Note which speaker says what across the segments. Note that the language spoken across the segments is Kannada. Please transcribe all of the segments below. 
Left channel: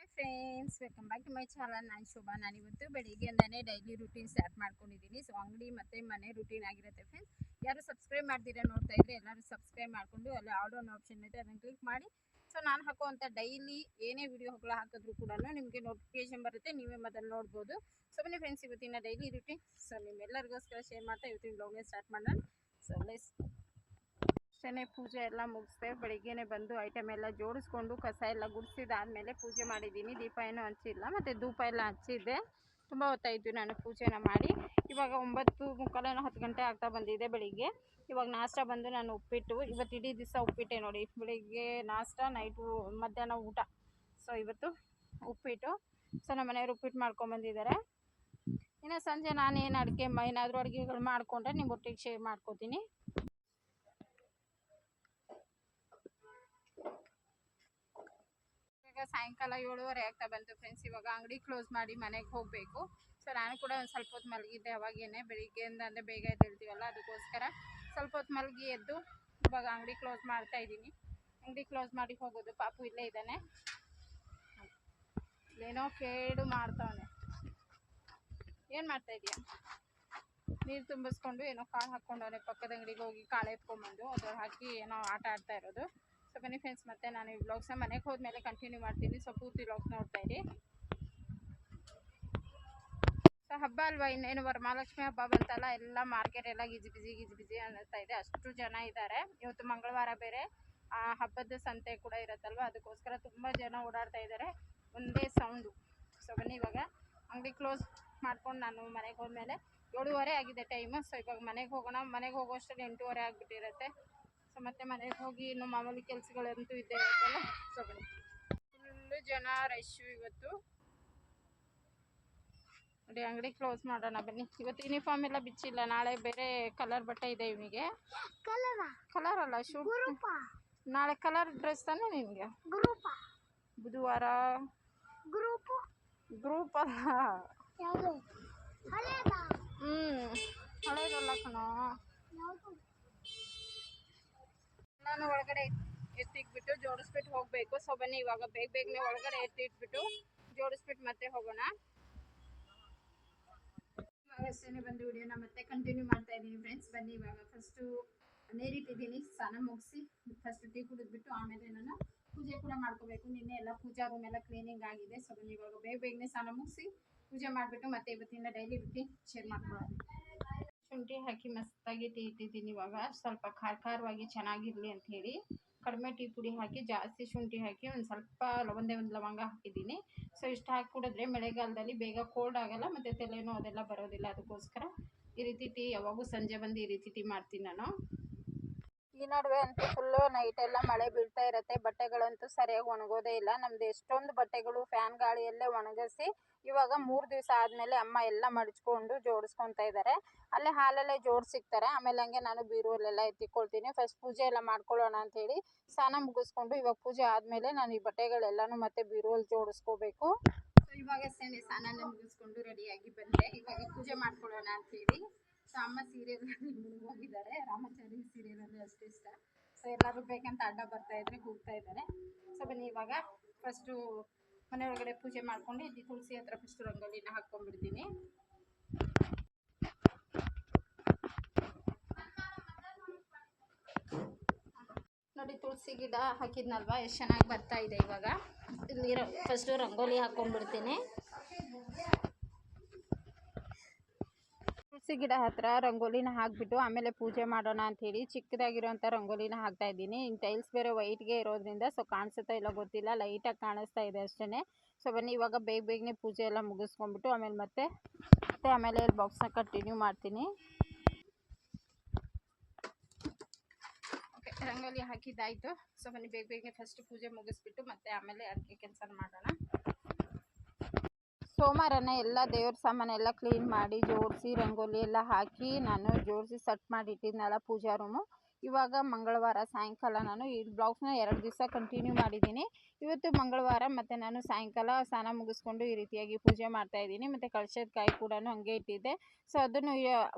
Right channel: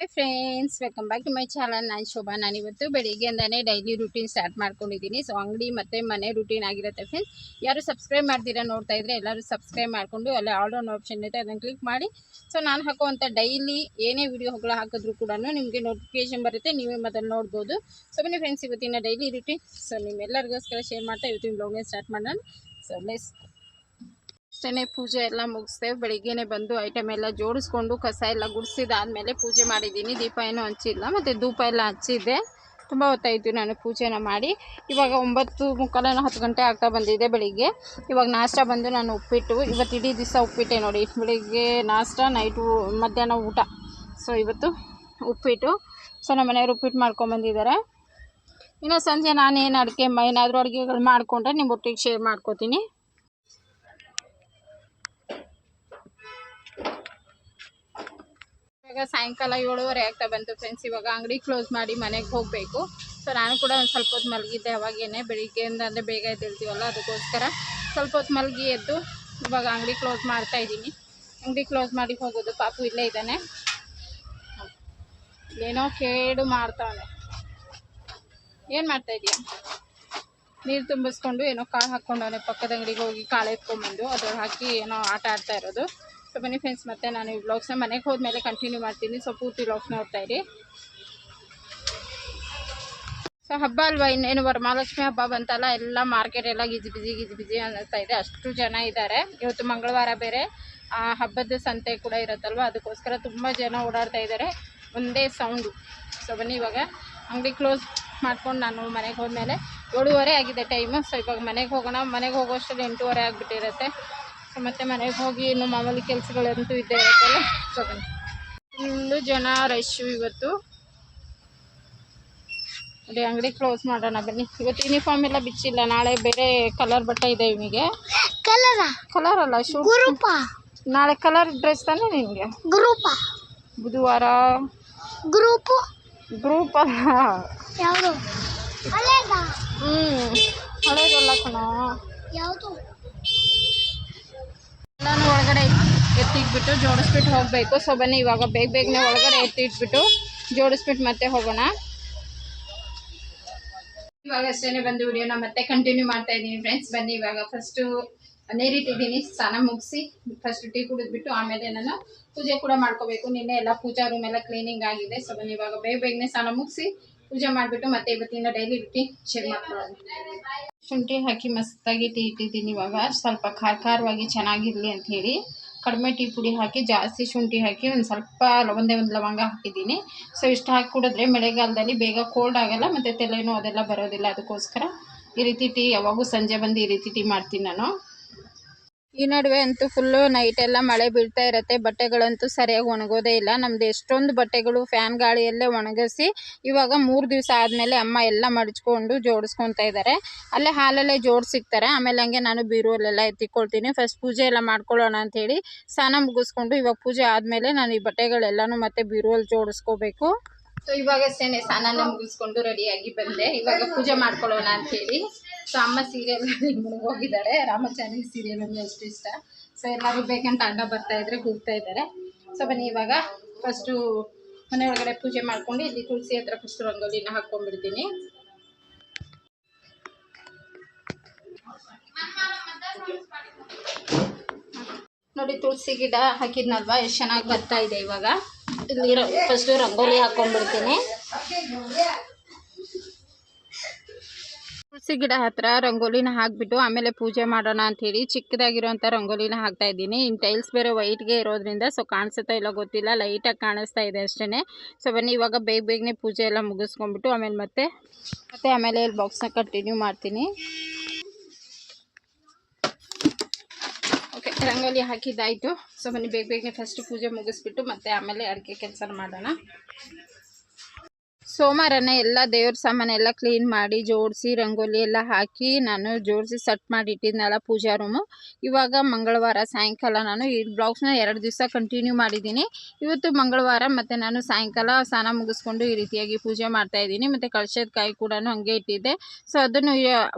Speaker 1: Hi friends welcome back to my channel ನಾನು ಶೋಭಾ, ನಾನಿವತ್ತು ಬೆಳಿಗ್ಗೆಯಿಂದಾನೆ ಡೈಲಿ ರುಟೀನ್ ಸ್ಟಾರ್ಟ್ ಮಾಡ್ಕೊಂಡಿದ್ದೀನಿ. ಸೊ ಅಂಗಡಿ ಮತ್ತು ಮನೆ ರುಟೀನ್ ಆಗಿರುತ್ತೆ ಫ್ರೆಂಡ್ಸ್ ಯಾರು ಸಬ್ಸ್ಕ್ರೈಬ್ ಮಾಡ್ತೀರಾ ನೋಡ್ತಾ ಇದ್ರೆ ಎಲ್ಲರೂ ಸಬ್ಸ್ಕ್ರೈಬ್ ಮಾಡಿಕೊಂಡು ಅಲ್ಲಿ ಆಲ್ ಆಪ್ಷನ್ ಇದೆ ಅದನ್ನು ಕ್ಲಿಕ್ ಮಾಡಿ. ಸೊ ನಾನು ಹಾಕುವಂಥ ಡೈಲಿ ಏನೇ ವಿಡಿಯೋಗಳು ಹಾಕಿದ್ರು ಕೂಡ ನಿಮಗೆ ನೋಟಿಫಿಕೇಶನ್ ಬರುತ್ತೆ, ನೀವೇ ಮೊದಲು ನೋಡ್ಬೋದು. ಸೊ ಬನ್ನಿ ಫ್ರೆಂಡ್ಸ್ ಇವತ್ತಿನ ಡೈಲಿ ರುಟೀನ್ ಸೊ ನಿಮ್ಮೆಲ್ಲರಿಗೋಸ್ಕರ ಶೇರ್ ಮಾಡ್ತಾ, ಇವತ್ತಿನ ಬ್ಲಾಗೇ ಸ್ಟಾರ್ಟ್ ಮಾಡೋಣ. ಸೊ ಲೆಸ್ ಅಷ್ಟೇ ಪೂಜೆ ಎಲ್ಲ ಮುಗಿಸ್ತೇವೆ ಬೆಳಿಗ್ಗೆನೆ ಬಂದು ಐಟಮ್ ಎಲ್ಲ ಜೋಡಿಸ್ಕೊಂಡು ಕಸ ಎಲ್ಲ ಗುಡಿಸಿದಾದ್ಮೇಲೆ ಪೂಜೆ ಮಾಡಿದ್ದೀನಿ. ದೀಪ ಏನೂ ಹಂಚಿಲ್ಲ ಮತ್ತು ಧೂಪ ಎಲ್ಲ ಹಚ್ಚಿದ್ದೆ. ತುಂಬ ಹೊತ್ತಾಯಿತು ನಾನು ಪೂಜೆನ ಮಾಡಿ. ಇವಾಗ ಒಂಬತ್ತು ಮುಕ್ಕಾಲೇನೋ ಹತ್ತು ಗಂಟೆ ಆಗ್ತಾ ಬಂದಿದೆ ಬೆಳಿಗ್ಗೆ. ಇವಾಗ ನಾಷ್ಟ ಬಂದು ನಾನು ಉಪ್ಪಿಟ್ಟು, ಇವತ್ತು ಇಡೀ ದಿವಸ ಉಪ್ಪಿಟ್ಟೆ ನೋಡಿ. ಬೆಳಿಗ್ಗೆ ನಾಷ್ಟ, ನೈಟು ಮಧ್ಯಾಹ್ನ ಊಟ. ಸೊ ಇವತ್ತು ಉಪ್ಪಿಟ್ಟು. ಸೊ ನಮ್ಮ ಮನೆಯವರು ಉಪ್ಪಿಟ್ಟು ಮಾಡ್ಕೊಂಬಂದಿದ್ದಾರೆ ಇನ್ನು ಸಂಜೆ ನಾನೇನು ಅಡುಗೆ, ಏನಾದರೂ ಅಡುಗೆಗಳು ಮಾಡಿಕೊಂಡ್ರೆ ನಿಮ್ಮ ಒಟ್ಟಿಗೆ ಶೇರ್ ಮಾಡ್ಕೋತೀನಿ. ಸಾಯಂಕಾಲ ಏಳುವರೆ ಆಗ್ತಾ ಬಂತು ಫ್ರೆಂಡ್ಸ್ ಇವಾಗ ಅಂಗಡಿ ಕ್ಲೋಸ್ ಮಾಡಿ ಮನೆಗೆ ಹೋಗಬೇಕು. ಸೊ ನಾನು ಕೂಡ ಒಂದು ಸ್ವಲ್ಪ ಹೊತ್ತು ಮಲಗಿದ್ದೆ. ಅವಾಗೇನೆ ಬೆಳಿಗ್ಗೆಯಿಂದ ಅಂದರೆ ಬೇಗ ಎದ್ದಿರ್ತೀವಲ್ಲ ಅದಕ್ಕೋಸ್ಕರ ಸ್ವಲ್ಪ ಹೊತ್ತು ಮಲಗಿ ಎದ್ದು ಇವಾಗ ಅಂಗಡಿ ಕ್ಲೋಸ್ ಮಾಡ್ತಾ ಇದ್ದೀನಿ. ಅಂಗಡಿ ಕ್ಲೋಸ್ ಮಾಡಿ ಹೋಗೋದು. ಪಾಪು ಇಲ್ಲೇ ಇದ್ದಾನೆ. ಏನೋ ಕೇಡು ಮಾಡ್ತಾವನೆ. ಏನು ಮಾಡ್ತಾ ಇದೀಯ? ನೀರು ತುಂಬಿಸ್ಕೊಂಡು ಏನೋ ಕಾಳು ಹಾಕ್ಕೊಂಡವನೆ. ಪಕ್ಕದ ಅಂಗಡಿಗೆ ಹೋಗಿ ಕಾಳು ಎತ್ಕೊಂಡ್ಬಂದು ಅದ್ರಲ್ಲಿ ಹಾಕಿ ಏನೋ ಆಟ ಆಡ್ತಾ ಇರೋದು. ಸೊ ಬನ್ನಿ ಫ್ರೆಂಡ್ಸ್ ಮತ್ತೆ ನಾನು ಈ ವ್ಲಾಗ್ಸ್ನ ಮನೆಗೆ ಹೋದ್ಮೇಲೆ ಕಂಟಿನ್ಯೂ ಮಾಡ್ತೀನಿ. ಸೊ ಪೂರ್ತಿ ವ್ಲಾಗ್ಸ್ ನೋಡ್ತಾ ಇರಿ. ಸೊ ಹಬ್ಬ ಅಲ್ವಾ? ಇನ್ನೇನು ವರಮಹಾಲಕ್ಷ್ಮಿ ಹಬ್ಬ ಬಂತಲ್ಲ? ಎಲ್ಲ ಮಾರ್ಕೆಟ್ ಎಲ್ಲ ಗಿಜಿ ಬಿಜಿ ಗಿಜಿ ಬಿಜಿ ಅನ್ನಿಸ್ತಾ ಇದೆ. ಅಷ್ಟು ಜನ ಇದ್ದಾರೆ ಇವತ್ತು ಮಂಗಳವಾರ ಬೇರೆ. ಆ ಹಬ್ಬದ ಸಂತೆ ಕೂಡ ಇರುತ್ತಲ್ವ? ಅದಕ್ಕೋಸ್ಕರ ತುಂಬ ಜನ ಓಡಾಡ್ತಾ ಇದ್ದಾರೆ ಒಂದೇ ಸೌಂಡು ಸೊ ಬನ್ನಿ ಇವಾಗ ಅಂಗಡಿ ಕ್ಲೋಸ್ ಮಾಡ್ಕೊಂಡು ನಾನು ಮನೆಗೆ ಹೋದ್ಮೇಲೆ ಏಳುವರೆ ಆಗಿದೆ ಟೈಮು ಸೊ ಇವಾಗ ಮನೆಗೆ ಹೋಗೋಣ. ಮನೆಗೆ ಹೋಗೋಷ್ಟರಲ್ಲಿ ಎಂಟೂವರೆ ಆಗಿಬಿಟ್ಟಿರುತ್ತೆ. ಮತ್ತೆ ಮನೆಗೆ ಹೋಗಿ ಇನ್ನು ಮಾಮೂಲಿ ಕೆಲಸಗಳಂತೂ ಇದ್ದೇ ಇರುತ್ತಲ್ಲ ಸೊ ಬನ್ನಿ. ಫುಲ್ಲು ಜನ ರಶ್ ಇವತ್ತು. ಅದೇ ಅಂಗಡಿ ಕ್ಲೋಸ್ ಮಾಡೋಣ ಬನ್ನಿ. ಇವತ್ತು ಯೂನಿಫಾರ್ಮ್ ಎಲ್ಲ ಬಿಚ್ಚಿಲ್ಲ. ನಾಳೆ ಬೇರೆ ಕಲರ್ ಬಟ್ಟೆ ಇದೆ ಇವನಿಗೆ.
Speaker 2: ಕಲರ
Speaker 1: ಕಲರ್ ಅಲ್ಲ ಶೂ
Speaker 2: ಗ್ರೂಪ.
Speaker 1: ನಾಳೆ ಕಲರ್ ಡ್ರೆಸ್ ತಾನೇ ನಿನಗೆ?
Speaker 2: ಗ್ರೂಪ.
Speaker 1: ಬುಧವಾರ.
Speaker 2: ಗ್ರೂಪು.
Speaker 1: ಗ್ರೂಪ್ ಅಲ್ಲ.
Speaker 2: ಯಾವುದು?
Speaker 1: ಹ್ಞೂ ಹಳೇದಲ್ಲ ಕಣ.
Speaker 2: ಯಾವುದು?
Speaker 1: ಎಲ್ಲಾನು ಒಳಗಡೆ ಎತ್ತಿಟ್ಬಿಟ್ಟು ಜೋಡಿಸ್ಬಿಟ್ಟು ಹೋಗಬೇಕು. ಸೊ ಬನ್ನಿ ಇವಾಗ ಬೇಗ ಬೇಗನೆ ಒಳಗಡೆ ಎತ್ತಿಟ್ಬಿಟ್ಟು ಜೋಡಿಸ್ಬಿಟ್ಟು ಮತ್ತೆ ಹೋಗೋಣ. ಇವಾಗ ಅಷ್ಟೇ ಬಂದು ವಿಡಿಯೋನ ಮತ್ತೆ ಕಂಟಿನ್ಯೂ ಮಾಡ್ತಾ ಇದ್ದೀನಿ ಫ್ರೆಂಡ್ಸ್ ಬನ್ನಿ ಇವಾಗ ಫಸ್ಟು ನೀರಿಟ್ಟಿದ್ದೀನಿ ಸ್ನಾನ ಮುಗಿಸಿ ಫಸ್ಟ್ ಟೀ ಕುಡಿದ್ಬಿಟ್ಟು ಆಮೇಲೆ ನಾನು ಪೂಜೆ ಕೂಡ ಮಾಡ್ಕೋಬೇಕು. ನಿನ್ನೆ ಎಲ್ಲ ಪೂಜಾ ರೂಮ್ ಎಲ್ಲ ಕ್ಲೀನಿಂಗ್ ಆಗಿದೆ. ಸೊ ಬನ್ನಿ ಇವಾಗ ಬೇಗ ಬೇಗನೆ ಸ್ನಾನ ಮುಗಿಸಿ ಪೂಜೆ ಮಾಡಿಬಿಟ್ಟು ಮತ್ತೆ ಇವತ್ತಿನ ಡೈಲಿ ರುಟೀನ್ ಶೇರ್ ಮಾಡ್ಕೊಳ್ಳೋಣ. ಶುಂಠಿ ಹಾಕಿ ಮಸ್ತಾಗಿ ಟೀ ಇಟ್ಟಿದ್ದೀನಿ ಇವಾಗ ಸ್ವಲ್ಪ ಖಾರ, ಖಾರವಾಗಿ ಚೆನ್ನಾಗಿರಲಿ ಅಂತ ಹೇಳಿ ಕಡಿಮೆ ಟೀ ಪುಡಿ ಹಾಕಿ, ಜಾಸ್ತಿ ಶುಂಠಿ ಹಾಕಿ ಒಂದು ಸ್ವಲ್ಪ ಒಂದೇ ಒಂದು ಲವಂಗ ಹಾಕಿದ್ದೀನಿ. ಸೊ ಇಷ್ಟು ಹಾಕಿ ಕುಡಿದ್ರೆ ಮಳೆಗಾಲದಲ್ಲಿ ಬೇಗ ಕೋಲ್ಡ್ ಆಗೋಲ್ಲ, ಮತ್ತು ತಲೆನೋ ಅದೆಲ್ಲ ಬರೋದಿಲ್ಲ. ಅದಕ್ಕೋಸ್ಕರ ಈ ರೀತಿ ಟೀ ಯಾವಾಗೂ ಸಂಜೆ ಬಂದು ಈ ರೀತಿ ಟೀ ಮಾಡ್ತೀನಿ ನಾನು. ಈ ನಡುವೆ ಅಂತೂ ಫುಲ್ಲು ನೈಟ್ ಎಲ್ಲ ಮಳೆ ಬೀಳ್ತಾ ಇರುತ್ತೆ. ಬಟ್ಟೆಗಳಂತೂ ಸರಿಯಾಗಿ ಒಣಗೋದೇ ಇಲ್ಲ. ನಮ್ದು ಎಷ್ಟೊಂದು ಬಟ್ಟೆಗಳು ಫ್ಯಾನ್ ಗಾಳಿಯಲ್ಲೇ ಒಣಗಿಸಿ ಇವಾಗ ಮೂರು ದಿವಸ ಆದಮೇಲೆ ಅಮ್ಮ ಎಲ್ಲ ಮಡಚ್ಕೊಂಡು ಜೋಡಿಸ್ಕೊತಾ ಇದ್ದಾರೆ ಅಲ್ಲೇ ಹಾಲಲ್ಲೇ ಜೋಡಿಸಿಕ್ತಾರೆ ಆಮೇಲೆ ಹಂಗೆ ನಾನು ಬೀರುವಲ್ಲೆಲ್ಲ ಎತ್ತಿಕೊಳ್ತೀನಿ. ಫಸ್ಟ್ ಪೂಜೆ ಎಲ್ಲ ಮಾಡ್ಕೊಳ್ಳೋಣ ಅಂಥೇಳಿ ಸ್ನಾನ ಮುಗಿಸ್ಕೊಂಡು ಇವಾಗ ಪೂಜೆ ಆದಮೇಲೆ ನಾನು ಈ ಬಟ್ಟೆಗಳೆಲ್ಲನೂ ಮತ್ತೆ ಬೀರುವಲ್ಲಿ ಜೋಡಿಸ್ಕೋಬೇಕು. ಸೊ ಇವಾಗ ಅಷ್ಟೇನೆ ಸ್ನಾನ ಮುಗಿಸ್ಕೊಂಡು ರೆಡಿಯಾಗಿ ಬಂದೆ. ಇವಾಗ ಪೂಜೆ ಮಾಡ್ಕೊಳ್ಳೋಣ ಅಂತ ಹೇಳಿ ಸೊ ಅಮ್ಮ ಸೀರಿಯಲ್ ಮುಳುಗೋಗಿದ್ದಾರೆ ರಾಮಚಾರಿ ಸೀರಿಯಲ್ ಅಂದ್ರೆ ಅಷ್ಟು ಇಷ್ಟ. ಸೊ ಎಲ್ಲರೂ ಬೇಕಂತ ಅಣ್ಣ ಬರ್ತಾ ಇದ್ರೆ ಕೂಗ್ತಾ ಇದ್ದಾರೆ. ಸೊ ಬನ್ನಿ, ಇವಾಗ ಫಸ್ಟು ಮನೆ ಒಳಗಡೆ ಪೂಜೆ ಮಾಡ್ಕೊಂಡು ಇಲ್ಲಿ ತುಳಸಿ ಹತ್ರ ಫಸ್ಟ್ ರಂಗೋಲಿನ ಹಾಕ್ಕೊಂಡ್ಬಿಡ್ತೀನಿ. ನೋಡಿ, ತುಳಸಿ ಗಿಡ ಹಾಕಿದ್ನಲ್ವಾ? ಎಷ್ಟು ಚೆನ್ನಾಗಿ ಬರ್ತಾ ಇದೆ ಇವಾಗ. ಇಲ್ಲಿ ಫಸ್ಟು ರಂಗೋಲಿ ಹಾಕೊಂಡ್ಬಿಡ್ತೀನಿ. ತುಳಸಿ ಗಿಡ ಹತ್ರ ರಂಗೋಲಿನ ಹಾಕ್ಬಿಟ್ಟು ಆಮೇಲೆ ಪೂಜೆ ಮಾಡೋಣ ಅಂಥೇಳಿ ಚಿಕ್ಕದಾಗಿರೋಂಥ ರಂಗೋಲಿನ ಹಾಕ್ತಾ ಇದ್ದೀನಿ. ಇನ್ನು ಟೈಲ್ಸ್ ಬೇರೆ ವೈಟ್ಗೆ ಇರೋದ್ರಿಂದ ಸೊ ಕಾಣಿಸುತ್ತಾ ಇಲ್ಲ ಗೊತ್ತಿಲ್ಲ. ಲೈಟಾಗಿ ಕಾಣಿಸ್ತಾ ಇದೆ ಅಷ್ಟೇ ಸೊ ಬನ್ನಿ, ಇವಾಗ ಬೇಗ ಬೇಗನೆ ಪೂಜೆ ಎಲ್ಲ ಮುಗಿಸ್ಕೊಂಡ್ಬಿಟ್ಟು ಆಮೇಲೆ ಮತ್ತೆ ಮತ್ತೆ ಆಮೇಲೆ ಇಲ್ಲಿ ಬಾಕ್ಸ್ನ ಕಂಟಿನ್ಯೂ ಮಾಡ್ತೀನಿ ಓಕೆ ರಂಗೋಲಿ ಹಾಕಿದ್ದಾಯಿತು. ಸೊ ಬನ್ನಿ ಬೇಗ ಬೇಗನೆ ಫಸ್ಟ್ ಪೂಜೆ ಮುಗಿಸ್ಬಿಟ್ಟು ಮತ್ತೆ ಆಮೇಲೆ ಅಡುಗೆ ಕೆಲಸ ಮಾಡೋಣ. ಸೋಮವಾರನೇ ಎಲ್ಲ ದೇವ್ರ ಸಾಮಾನೆಲ್ಲ ಕ್ಲೀನ್ ಮಾಡಿ ಜೋಡಿಸಿ ರಂಗೋಲಿ ಎಲ್ಲ ಹಾಕಿ ನಾನು ಜೋಡಿಸಿ ಸೆಟ್ ಮಾಡಿ ಇಟ್ಟಿದ್ನಲ್ಲ ಪೂಜಾ ರೂಮು ಇವಾಗ ಮಂಗಳವಾರ ಸಾಯಂಕಾಲ ನಾನು ಈ ಬ್ಲಾಗ್ಸ್ನ ಎರಡು ದಿವಸ ಕಂಟಿನ್ಯೂ ಮಾಡಿದ್ದೀನಿ. ಇವತ್ತು ಮಂಗಳವಾರ ಮತ್ತು ನಾನು ಸಾಯಂಕಾಲ ಸ್ನಾನ ಮುಗಿಸ್ಕೊಂಡು ಈ ರೀತಿಯಾಗಿ ಪೂಜೆ ಮಾಡ್ತಾ ಇದ್ದೀನಿ. ಮತ್ತು ಕಳಶದ ಕಾಯಿ ಕೂಡ ಹಂಗೆ ಇಟ್ಟಿದ್ದೆ. ಸೊ ಅದನ್ನು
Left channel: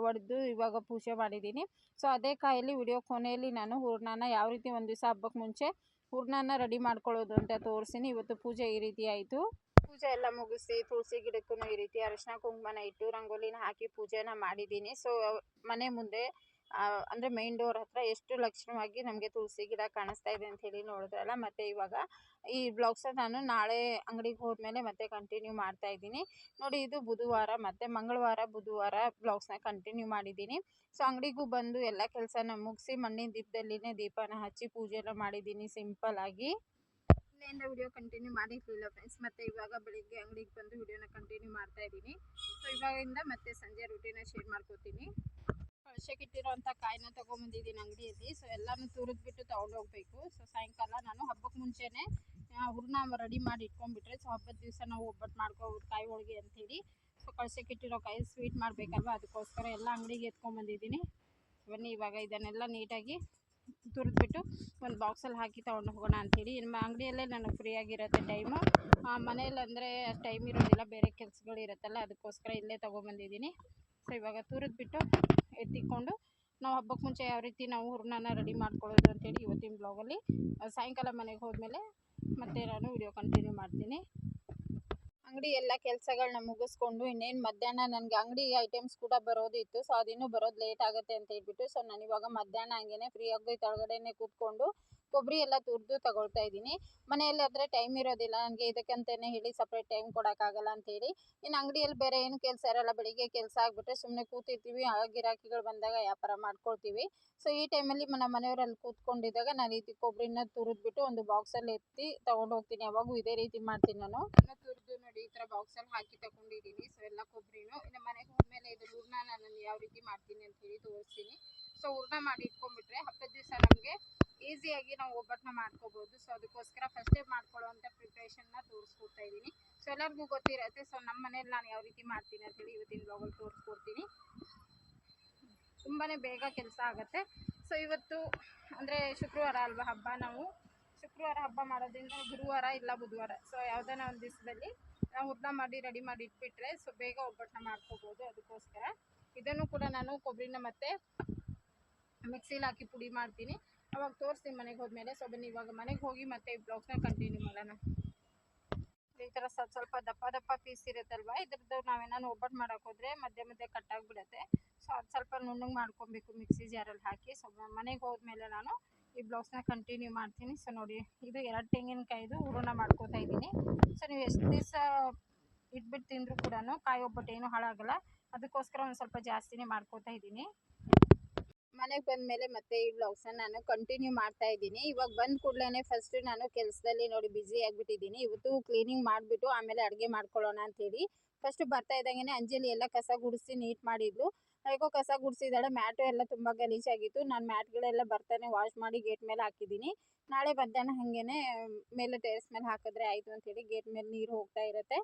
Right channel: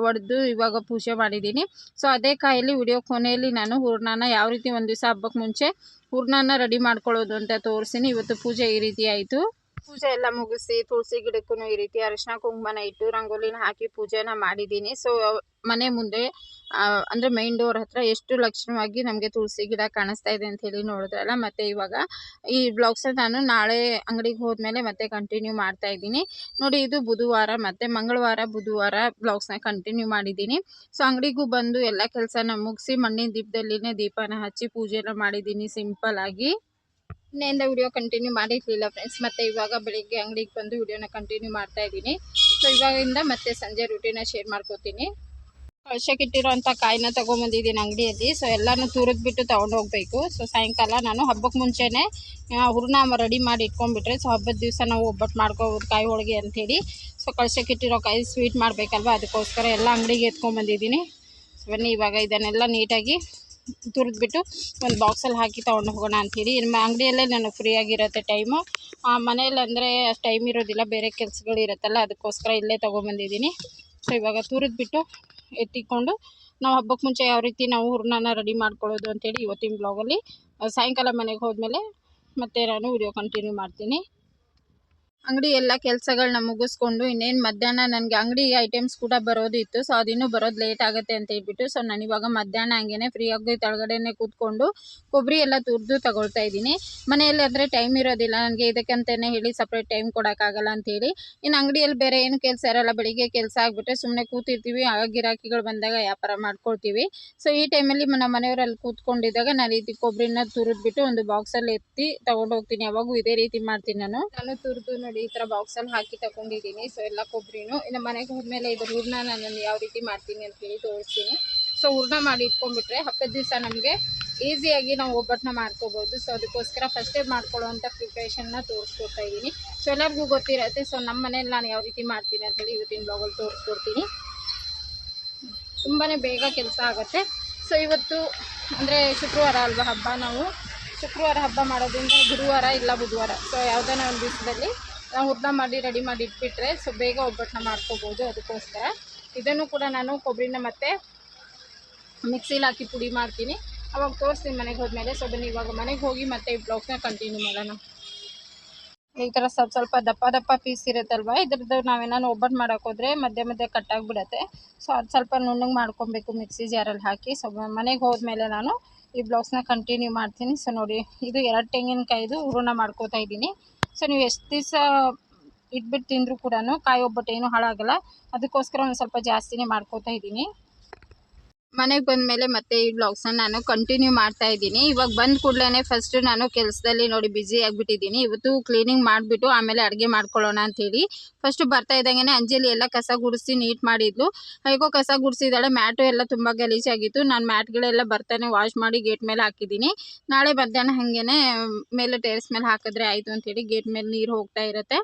Speaker 1: ಒಡೆದು ಇವಾಗ ಪೂಜೆ ಮಾಡಿದ್ದೀನಿ. ಸೊ ಅದೇ ಕಾಯಲ್ಲಿ ವಿಡಿಯೋ ಕೊನೆಯಲ್ಲಿ ನಾನು ಹೂರ್ಣನ ಯಾವ ರೀತಿ ಒಂದು ದಿವಸ ಹಬ್ಬಕ್ಕೆ ಮುಂಚೆ ಹೂರ್ಣನ ರೆಡಿ ಮಾಡ್ಕೊಳ್ಳೋದು ಅಂತ ತೋರಿಸ್ತೀನಿ ಇವತ್ತು ಪೂಜೆ ಈ ರೀತಿ ಆಯಿತು. ಪೂಜೆ ಎಲ್ಲ ಮುಗಿಸಿ ತುಳಸಿ ಗಿಡಕ್ಕೂ ಈ ರೀತಿ ಅರಿಶಿನ ಕುಂಕುಮನ ಇಟ್ಟು ರಂಗೋಲಿನ ಹಾಕಿ ಪೂಜೆನ ಮಾಡಿದ್ದೀನಿ. ಸೊ ಮನೆ ಮುಂದೆ ಅಂದರೆ ಮೈನ್ ಡೋರ್ ಹತ್ರ ಎಷ್ಟು ಲಕ್ಷಣವಾಗಿ ನಮಗೆ ತುಳಸಿ ಗಿಡ ಕಾಣಿಸ್ತಾ ಇದೆ ಅಂತ ಹೇಳಿ ನೋಡಿದ್ರಲ್ಲ ಮತ್ತೆ ಇವಾಗ ಈ ಬ್ಲಾಗ್ಸ್ ನಾನು ನಾಳೆ ಅಂಗಡಿಗೆ ಹೋದ್ಮೇಲೆ ಮತ್ತೆ ಕಂಟಿನ್ಯೂ ಮಾಡ್ತಾ ಇದ್ದೀನಿ. ನೋಡಿ, ಇದು ಬುಧವಾರ ಮತ್ತೆ ಮಂಗಳವಾರ, ಬುಧವಾರ ಬ್ಲಾಗ್ಸ್ನ ಕಂಟಿನ್ಯೂ ಮಾಡಿದ್ದೀನಿ. ಸೊ ಅಂಗಡಿಗೂ ಬಂದು ಎಲ್ಲ ಕೆಲಸನ ಮುಗಿಸಿ ಮಣ್ಣಿನ ದೀಪದಲ್ಲಿನೇ ದೀಪನ ಹಚ್ಚಿ ಪೂಜೆನ ಮಾಡಿದ್ದೀನಿ. ಸಿಂಪಲ್ ಆಗಿ. ಇನ್ನೇಂದ ವಿಡಿಯೋ ಕಂಟಿನ್ಯೂ ಮಾಡಿರಲಿಲ್ಲ ಫ್ರೆಂಡ್ಸ್ ಮತ್ತು ಇವಾಗ ಬೆಳಿಗ್ಗೆ ಅಂಗಡಿಗೆ ಬಂದು ವಿಡಿಯೋನ ಕಂಟಿನ್ಯೂ ಮಾಡ್ತಾ ಇದ್ದೀನಿ. ಸೊ ಇವಾಗಿಂದ ಮತ್ತೆ ಸಂಜೆ ರೂಟೀನ ಶೇರ್ ಮಾಡ್ಕೋತೀನಿ. ಕಳ್ಸಕ್ಕಿಟ್ಟಿರೋಂಥ ಕಾಯಿನ ತೊಗೊಂಬಂದಿದ್ದೀನಿ ಅಂಗಡಿಯಲ್ಲಿ. ಸೊ ಎಲ್ಲನೂ ತೂರಿದ್ಬಿಟ್ಟು ತೊಗೊಂಡು ಹೋಗಬೇಕು. ಸೊ ಸಾಯಂಕಾಲ ನಾನು ಹಬ್ಬಕ್ಕೆ ಮುಂಚೆನೇ ಹುರ್ನ ರೆಡಿ ಮಾಡಿ ಇಟ್ಕೊಂಡ್ಬಿಟ್ರೆ ಸೊ ಹಬ್ಬದ ದಿವಸ ನಾವು ಒಬ್ಬಟ್ಟು ಮಾಡ್ಕೋಬೋದು ಕಾಯಿ ಹೋಳಿಗೆ ಅಂಥೇಳಿ. ಸೊ ಕಳ್ಸಕ್ಕಿಟ್ಟಿರೋ ಕಾಯಿ ಸ್ವೀಟ್ ಮಾಡಬೇಕಲ್ವ? ಅದಕ್ಕೋಸ್ಕರ ಎಲ್ಲ ಅಂಗಡಿಗೆ ಎತ್ಕೊಂಡ್ಬಂದಿದ್ದೀನಿ ಸೊ ಬನ್ನಿ, ಇವಾಗ ಇದನ್ನೆಲ್ಲ ನೀಟಾಗಿ ತುರಿದ್ಬಿಟ್ಟು ಒಂದು ಬಾಕ್ಸಲ್ಲಿ ಹಾಕಿ ತೊಗೊಂಡು ಹೋಗೋಣ ಅಂಥೇಳಿ ನಮ್ಮ ಅಂಗಡಿಯಲ್ಲೇ ನನಗೆ ಫ್ರೀ ಆಗಿರುತ್ತೆ ಟೈಮು ಮನೇಲಿ ಅಂದರೆ ಅಷ್ಟು ಟೈಮ್ ಇರೋದಿಲ್ಲ. ಬೇರೆ ಕೆಲಸಗಳು ಇರುತ್ತಲ್ಲ, ಅದಕ್ಕೋಸ್ಕರ ಇಲ್ಲೇ ತೊಗೊಂಬಂದಿದ್ದೀನಿ. ಸೊ ಇವಾಗ ತುರಿದ್ಬಿಟ್ಟು ಎತ್ತಿಕೊಂಡು ನಾವು ಹಬ್ಬಕ್ಕೆ ಮುಂಚೆ ಯಾವ ರೀತಿ ನಾವು ಹೂರ್ಣನ ರೆಡಿ ಮಾಡ್ಕೊಳ್ಳೋದು ಅಂತೇಳಿ ಇವತ್ತಿನ ಬ್ಲಾಗಲ್ಲಿ ಸಾಯಂಕಾಲ ಮನೆಗೆ ಹೋದ್ಮೇಲೆ ಮತ್ತೆ ನಾನು ವಿಡಿಯೋ ಕಂಟಿನ್ಯೂ ಮಾಡ್ತೀನಿ. ಅಂಗಡಿ ಎಲ್ಲ ಕೆಲಸಗಳನ್ನ ಮುಗಿಸ್ಕೊಂಡು ಇನ್ನೇನು ಮಧ್ಯಾಹ್ನ ನನಗೆ ಅಂಗಡಿ ಐಟಮ್ಸ್ ಕೂಡ ಬರೋದಿತ್ತು. ಸೊ ಅದಿನ್ನೂ ಬರೋದು ಲೇಟ್ ಆಗುತ್ತೆ ಅಂತ ಹೇಳ್ಬಿಟ್ಟು ಸೊ ನಾನು ಇವಾಗ ಮಧ್ಯಾಹ್ನ ಹಂಗೇನೆ ಫ್ರೀಯಾಗಿ ತಳಗಡೆನೆ ಕೂತ್ಕೊಂಡು ಕೊಬ್ಬರಿ ಎಲ್ಲ ತುರಿದು ತಗೊಳ್ತಾ ಇದ್ದೀನಿ. ಮನೆಯಲ್ಲಿ ಆದರೆ ಟೈಮ್ ಇರೋದಿಲ್ಲ. ನನಗೆ ಇದಕ್ಕಂತಲೇ ಹೇಳಿ ಸಪ್ರೇಟ್ ಟೈಮ್ ಕೊಡೋಕ್ಕಾಗಲ್ಲ ಅಂತೇಳಿ ಇನ್ನು ಅಂಗಡಿಯಲ್ಲಿ ಬೇರೆ ಏನು ಕೆಲಸ ಇರೋಲ್ಲ. ಬೆಳಿಗ್ಗೆ ಕೆಲಸ ಆಗಿಬಿಟ್ರೆ ಸುಮ್ಮನೆ ಕೂತಿರ್ತೀವಿ. ಆಗ ಗಿರಾಕಿಗಳು ಬಂದಾಗ ವ್ಯಾಪಾರ ಮಾಡ್ಕೊಳ್ತೀವಿ. ಸೊ ಈ ಟೈಮಲ್ಲಿ ನಮ್ಮ ಮನೆಯವರಲ್ಲಿ ಕೂತ್ಕೊಂಡಿದ್ದಾಗ ನಾನು ಈ ಕೊಬ್ಬರಿನ ತುರಿದ್ಬಿಟ್ಟು ಒಂದು ಬಾಕ್ಸಲ್ಲಿ ಎತ್ತಿ ತಗೊಂಡು ಹೋಗ್ತೀನಿ ಯಾವಾಗೂ ಇದೇ ರೀತಿ ಮಾಡ್ತೀನಿ ನಾನು. ನಾನು ತುರಿದು ನೋಡಿ ಈ ಥರ ಬಾಕ್ಸಲ್ಲಿ ಹಾಕಿ ತಗೊಂಡಿದ್ದೀನಿ. ಸೊ ಎಲ್ಲ ಕೊಬ್ಬರಿನೂ ಇನ್ನು ಮನೆಗೆ ಹೋದ್ಮೇಲೆ ಇದ್ರ ಹೂರ್ಣ ನಾನು ಯಾವ ರೀತಿ ಮಾಡ್ತೀನಿ ಅಂತ ಹೇಳಿ ತೋರಿಸ್ತೀನಿ. ಸೊ ಹೂರ್ಣ ಮಾಡಿ ಇಟ್ಕೊಂಡ್ಬಿಟ್ರೆ ಹಬ್ಬದ ದಿವಸ ನಮಗೆ ಈಸಿಯಾಗಿ ನಾವು ಒಬ್ಬಟ್ಟನ್ನ ಮಾಡ್ಕೋಬೋದು. ಸೊ ಅದಕ್ಕೋಸ್ಕರ ಫಸ್ಟೇ ಮಾಡ್ಕೊಳ್ಳೋವಂಥ ಪ್ರಿಪ್ರೇಷನ್ನ ತೋರಿಸ್ಕೊಡ್ತಾ ಇದ್ದೀನಿ. ಸೊ ಎಲ್ಲರಿಗೂ ಗೊತ್ತಿರುತ್ತೆ. ಸೊ ನಮ್ಮ ಮನೇಲಿ ನಾನು ಯಾವ ರೀತಿ ಮಾಡ್ತೀನಿ ಅಂತೇಳಿ ಇವತ್ತಿನ ಬ್ಲಾಗಲ್ಲಿ ತೋರಿಸ್ಕೊಡ್ತೀನಿ. ತುಂಬಾ ಬೇಗ ಕೆಲಸ ಆಗುತ್ತೆ. ಸೊ ಇವತ್ತು ಅಂದರೆ ಶುಕ್ರವಾರ ಅಲ್ವಾ ಹಬ್ಬ ನಾವು? ಶುಕ್ರವಾರ ಹಬ್ಬ ಮಾಡೋದ್ರಿಂದ ಗುರುವಾರ ಇಲ್ಲ ಬುಧವಾರ. ಸೊ ಯಾವುದಾನ ಒಂದು ದಿವಸದಲ್ಲಿ ನಾವು ಹುರ್ದ ಮಾಡಿ, ರೆಡಿ ಮಾಡಿ ಇಟ್ಬಿಟ್ರೆ ಸೊ ಬೇಗ ಒಬ್ಬಟ್ಟನ್ನ ಮಾಡ್ಕೋಬೋದು ಅದಕ್ಕೋಸ್ಕರ. ಇದನ್ನು ಕೂಡ ನಾನು ಕೊಬ್ಬರಿನ ಮತ್ತೆ ಮಿಕ್ಸಿಲಿ ಹಾಕಿ ಪುಡಿ ಮಾಡ್ತೀನಿ. ಅವಾಗ ತೋರಿಸ್ತೀನಿ ಮನೆಗೆ ಹೋದ್ಮೇಲೆ. ಸೊ ಬನ್ನಿ, ಇವಾಗ ಮನೆಗೆ ಹೋಗಿ ಮತ್ತೆ ಈ ಬ್ಲೌಸ್ನ ಕಂಟಿನ್ಯೂ ಮಾಡೋಣ. ಈ ಥರ ಸ್ವಲ್ಪ ಸ್ವಲ್ಪ ದಪ್ಪ ದಪ್ಪ ಪೀಸ್ ಇರುತ್ತಲ್ವ? ಇದ್ರದ್ದು ನಾವೇನಾದ್ರು ಒಬ್ಬಟ್ಟು ಮಾಡೋಕ್ಕೋದ್ರೆ ಮಧ್ಯೆ ಮಧ್ಯೆ ಕಟ್ಟಾಗಿಬಿಡತ್ತೆ ಸೊ ಅದು ಸ್ವಲ್ಪ ನುಣ್ಣಗೆ ಮಾಡ್ಕೊಬೇಕು ಮಿಕ್ಸಿ ಜಾರಲ್ಲಿ ಹಾಕಿ. ಸೊ ಮನೆಗೆ ಹೋದ್ಮೇಲೆ ನಾನು ಈ ಬ್ಲೌಸ್ನ ಕಂಟಿನ್ಯೂ ಮಾಡ್ತೀನಿ. ಸೊ ನೋಡಿ, ಇದು ಎರಡು ತೆಂಗಿನಕಾಯಿದು ಹೂರಣ ಮಾಡ್ಕೋತಾ ಇದ್ದೀನಿ. ಸೊ ನೀವು ಎಷ್ಟು ದಿವಸ ಇಟ್ಬಿಟ್ಟು ತಿಂದರೂ ಕೂಡ ಕಾಯಿ ಒಬ್ಬಟ್ಟು ಏನೂ ಹಾಳಾಗಲ್ಲ. ಅದಕ್ಕೋಸ್ಕರ ಒಂದು ಸ್ವಲ್ಪ ಜಾಸ್ತಿನೇ ಮಾಡ್ಕೋತಾ ಇದ್ದೀನಿ. ಮನೆಗೆ ಬಂದ ಮೇಲೆ ಮತ್ತೆ ಈ ಬ್ಲಾಗ್ಸ್ನ ನಾನು ಕಂಟಿನ್ಯೂ ಮಾಡ್ತಾ ಇದ್ದೀನಿ. ಇವಾಗ ಬಂದ ಕೂಡಲೇ ಫಸ್ಟ್ ನಾನು ಕೆಲಸದಲ್ಲಿ ನೋಡಿ ಬ್ಯುಸಿ ಆಗಿಬಿಟ್ಟಿದ್ದೀನಿ. ಇವತ್ತು ಕ್ಲೀನಿಂಗ್ ಮಾಡಿಬಿಟ್ಟು ಆಮೇಲೆ ಅಡುಗೆ ಮಾಡ್ಕೊಳ್ಳೋಣ ಅಂತೇಳಿ. ಫಸ್ಟ್ ಬರ್ತಾ ಇದ್ದಂಗೆ ಅಂಜಲಿ ಎಲ್ಲ ಕಸ ಗುಡಿಸಿ ನೀಟ್ ಮಾಡಿದ್ಲು. ಹೇಗೋ ಕಸ ಗುಡಿಸಿದಾಳೆ ಮ್ಯಾಟು ಎಲ್ಲ ತುಂಬ ಗಲೀಜಾಗಿತ್ತು ನಾನು ಮ್ಯಾಟ್ಗಳೆಲ್ಲ ಬರ್ತಾನೆ ವಾಶ್ ಮಾಡಿ ಗೇಟ್ ಮೇಲೆ ಹಾಕಿದ್ದೀನಿ. ನಾಳೆ ಮಧ್ಯಾಹ್ನ ಹಾಗೇನೆ ಮೇಲೆ ಟೆರೆಸ್ ಮೇಲೆ ಹಾಕಿದ್ರೆ ಆಯಿತು ಅಂತೇಳಿ ಗೇಟ್ ಮೇಲೆ ನೀರು ಹೋಗ್ತಾ ಇರುತ್ತೆ.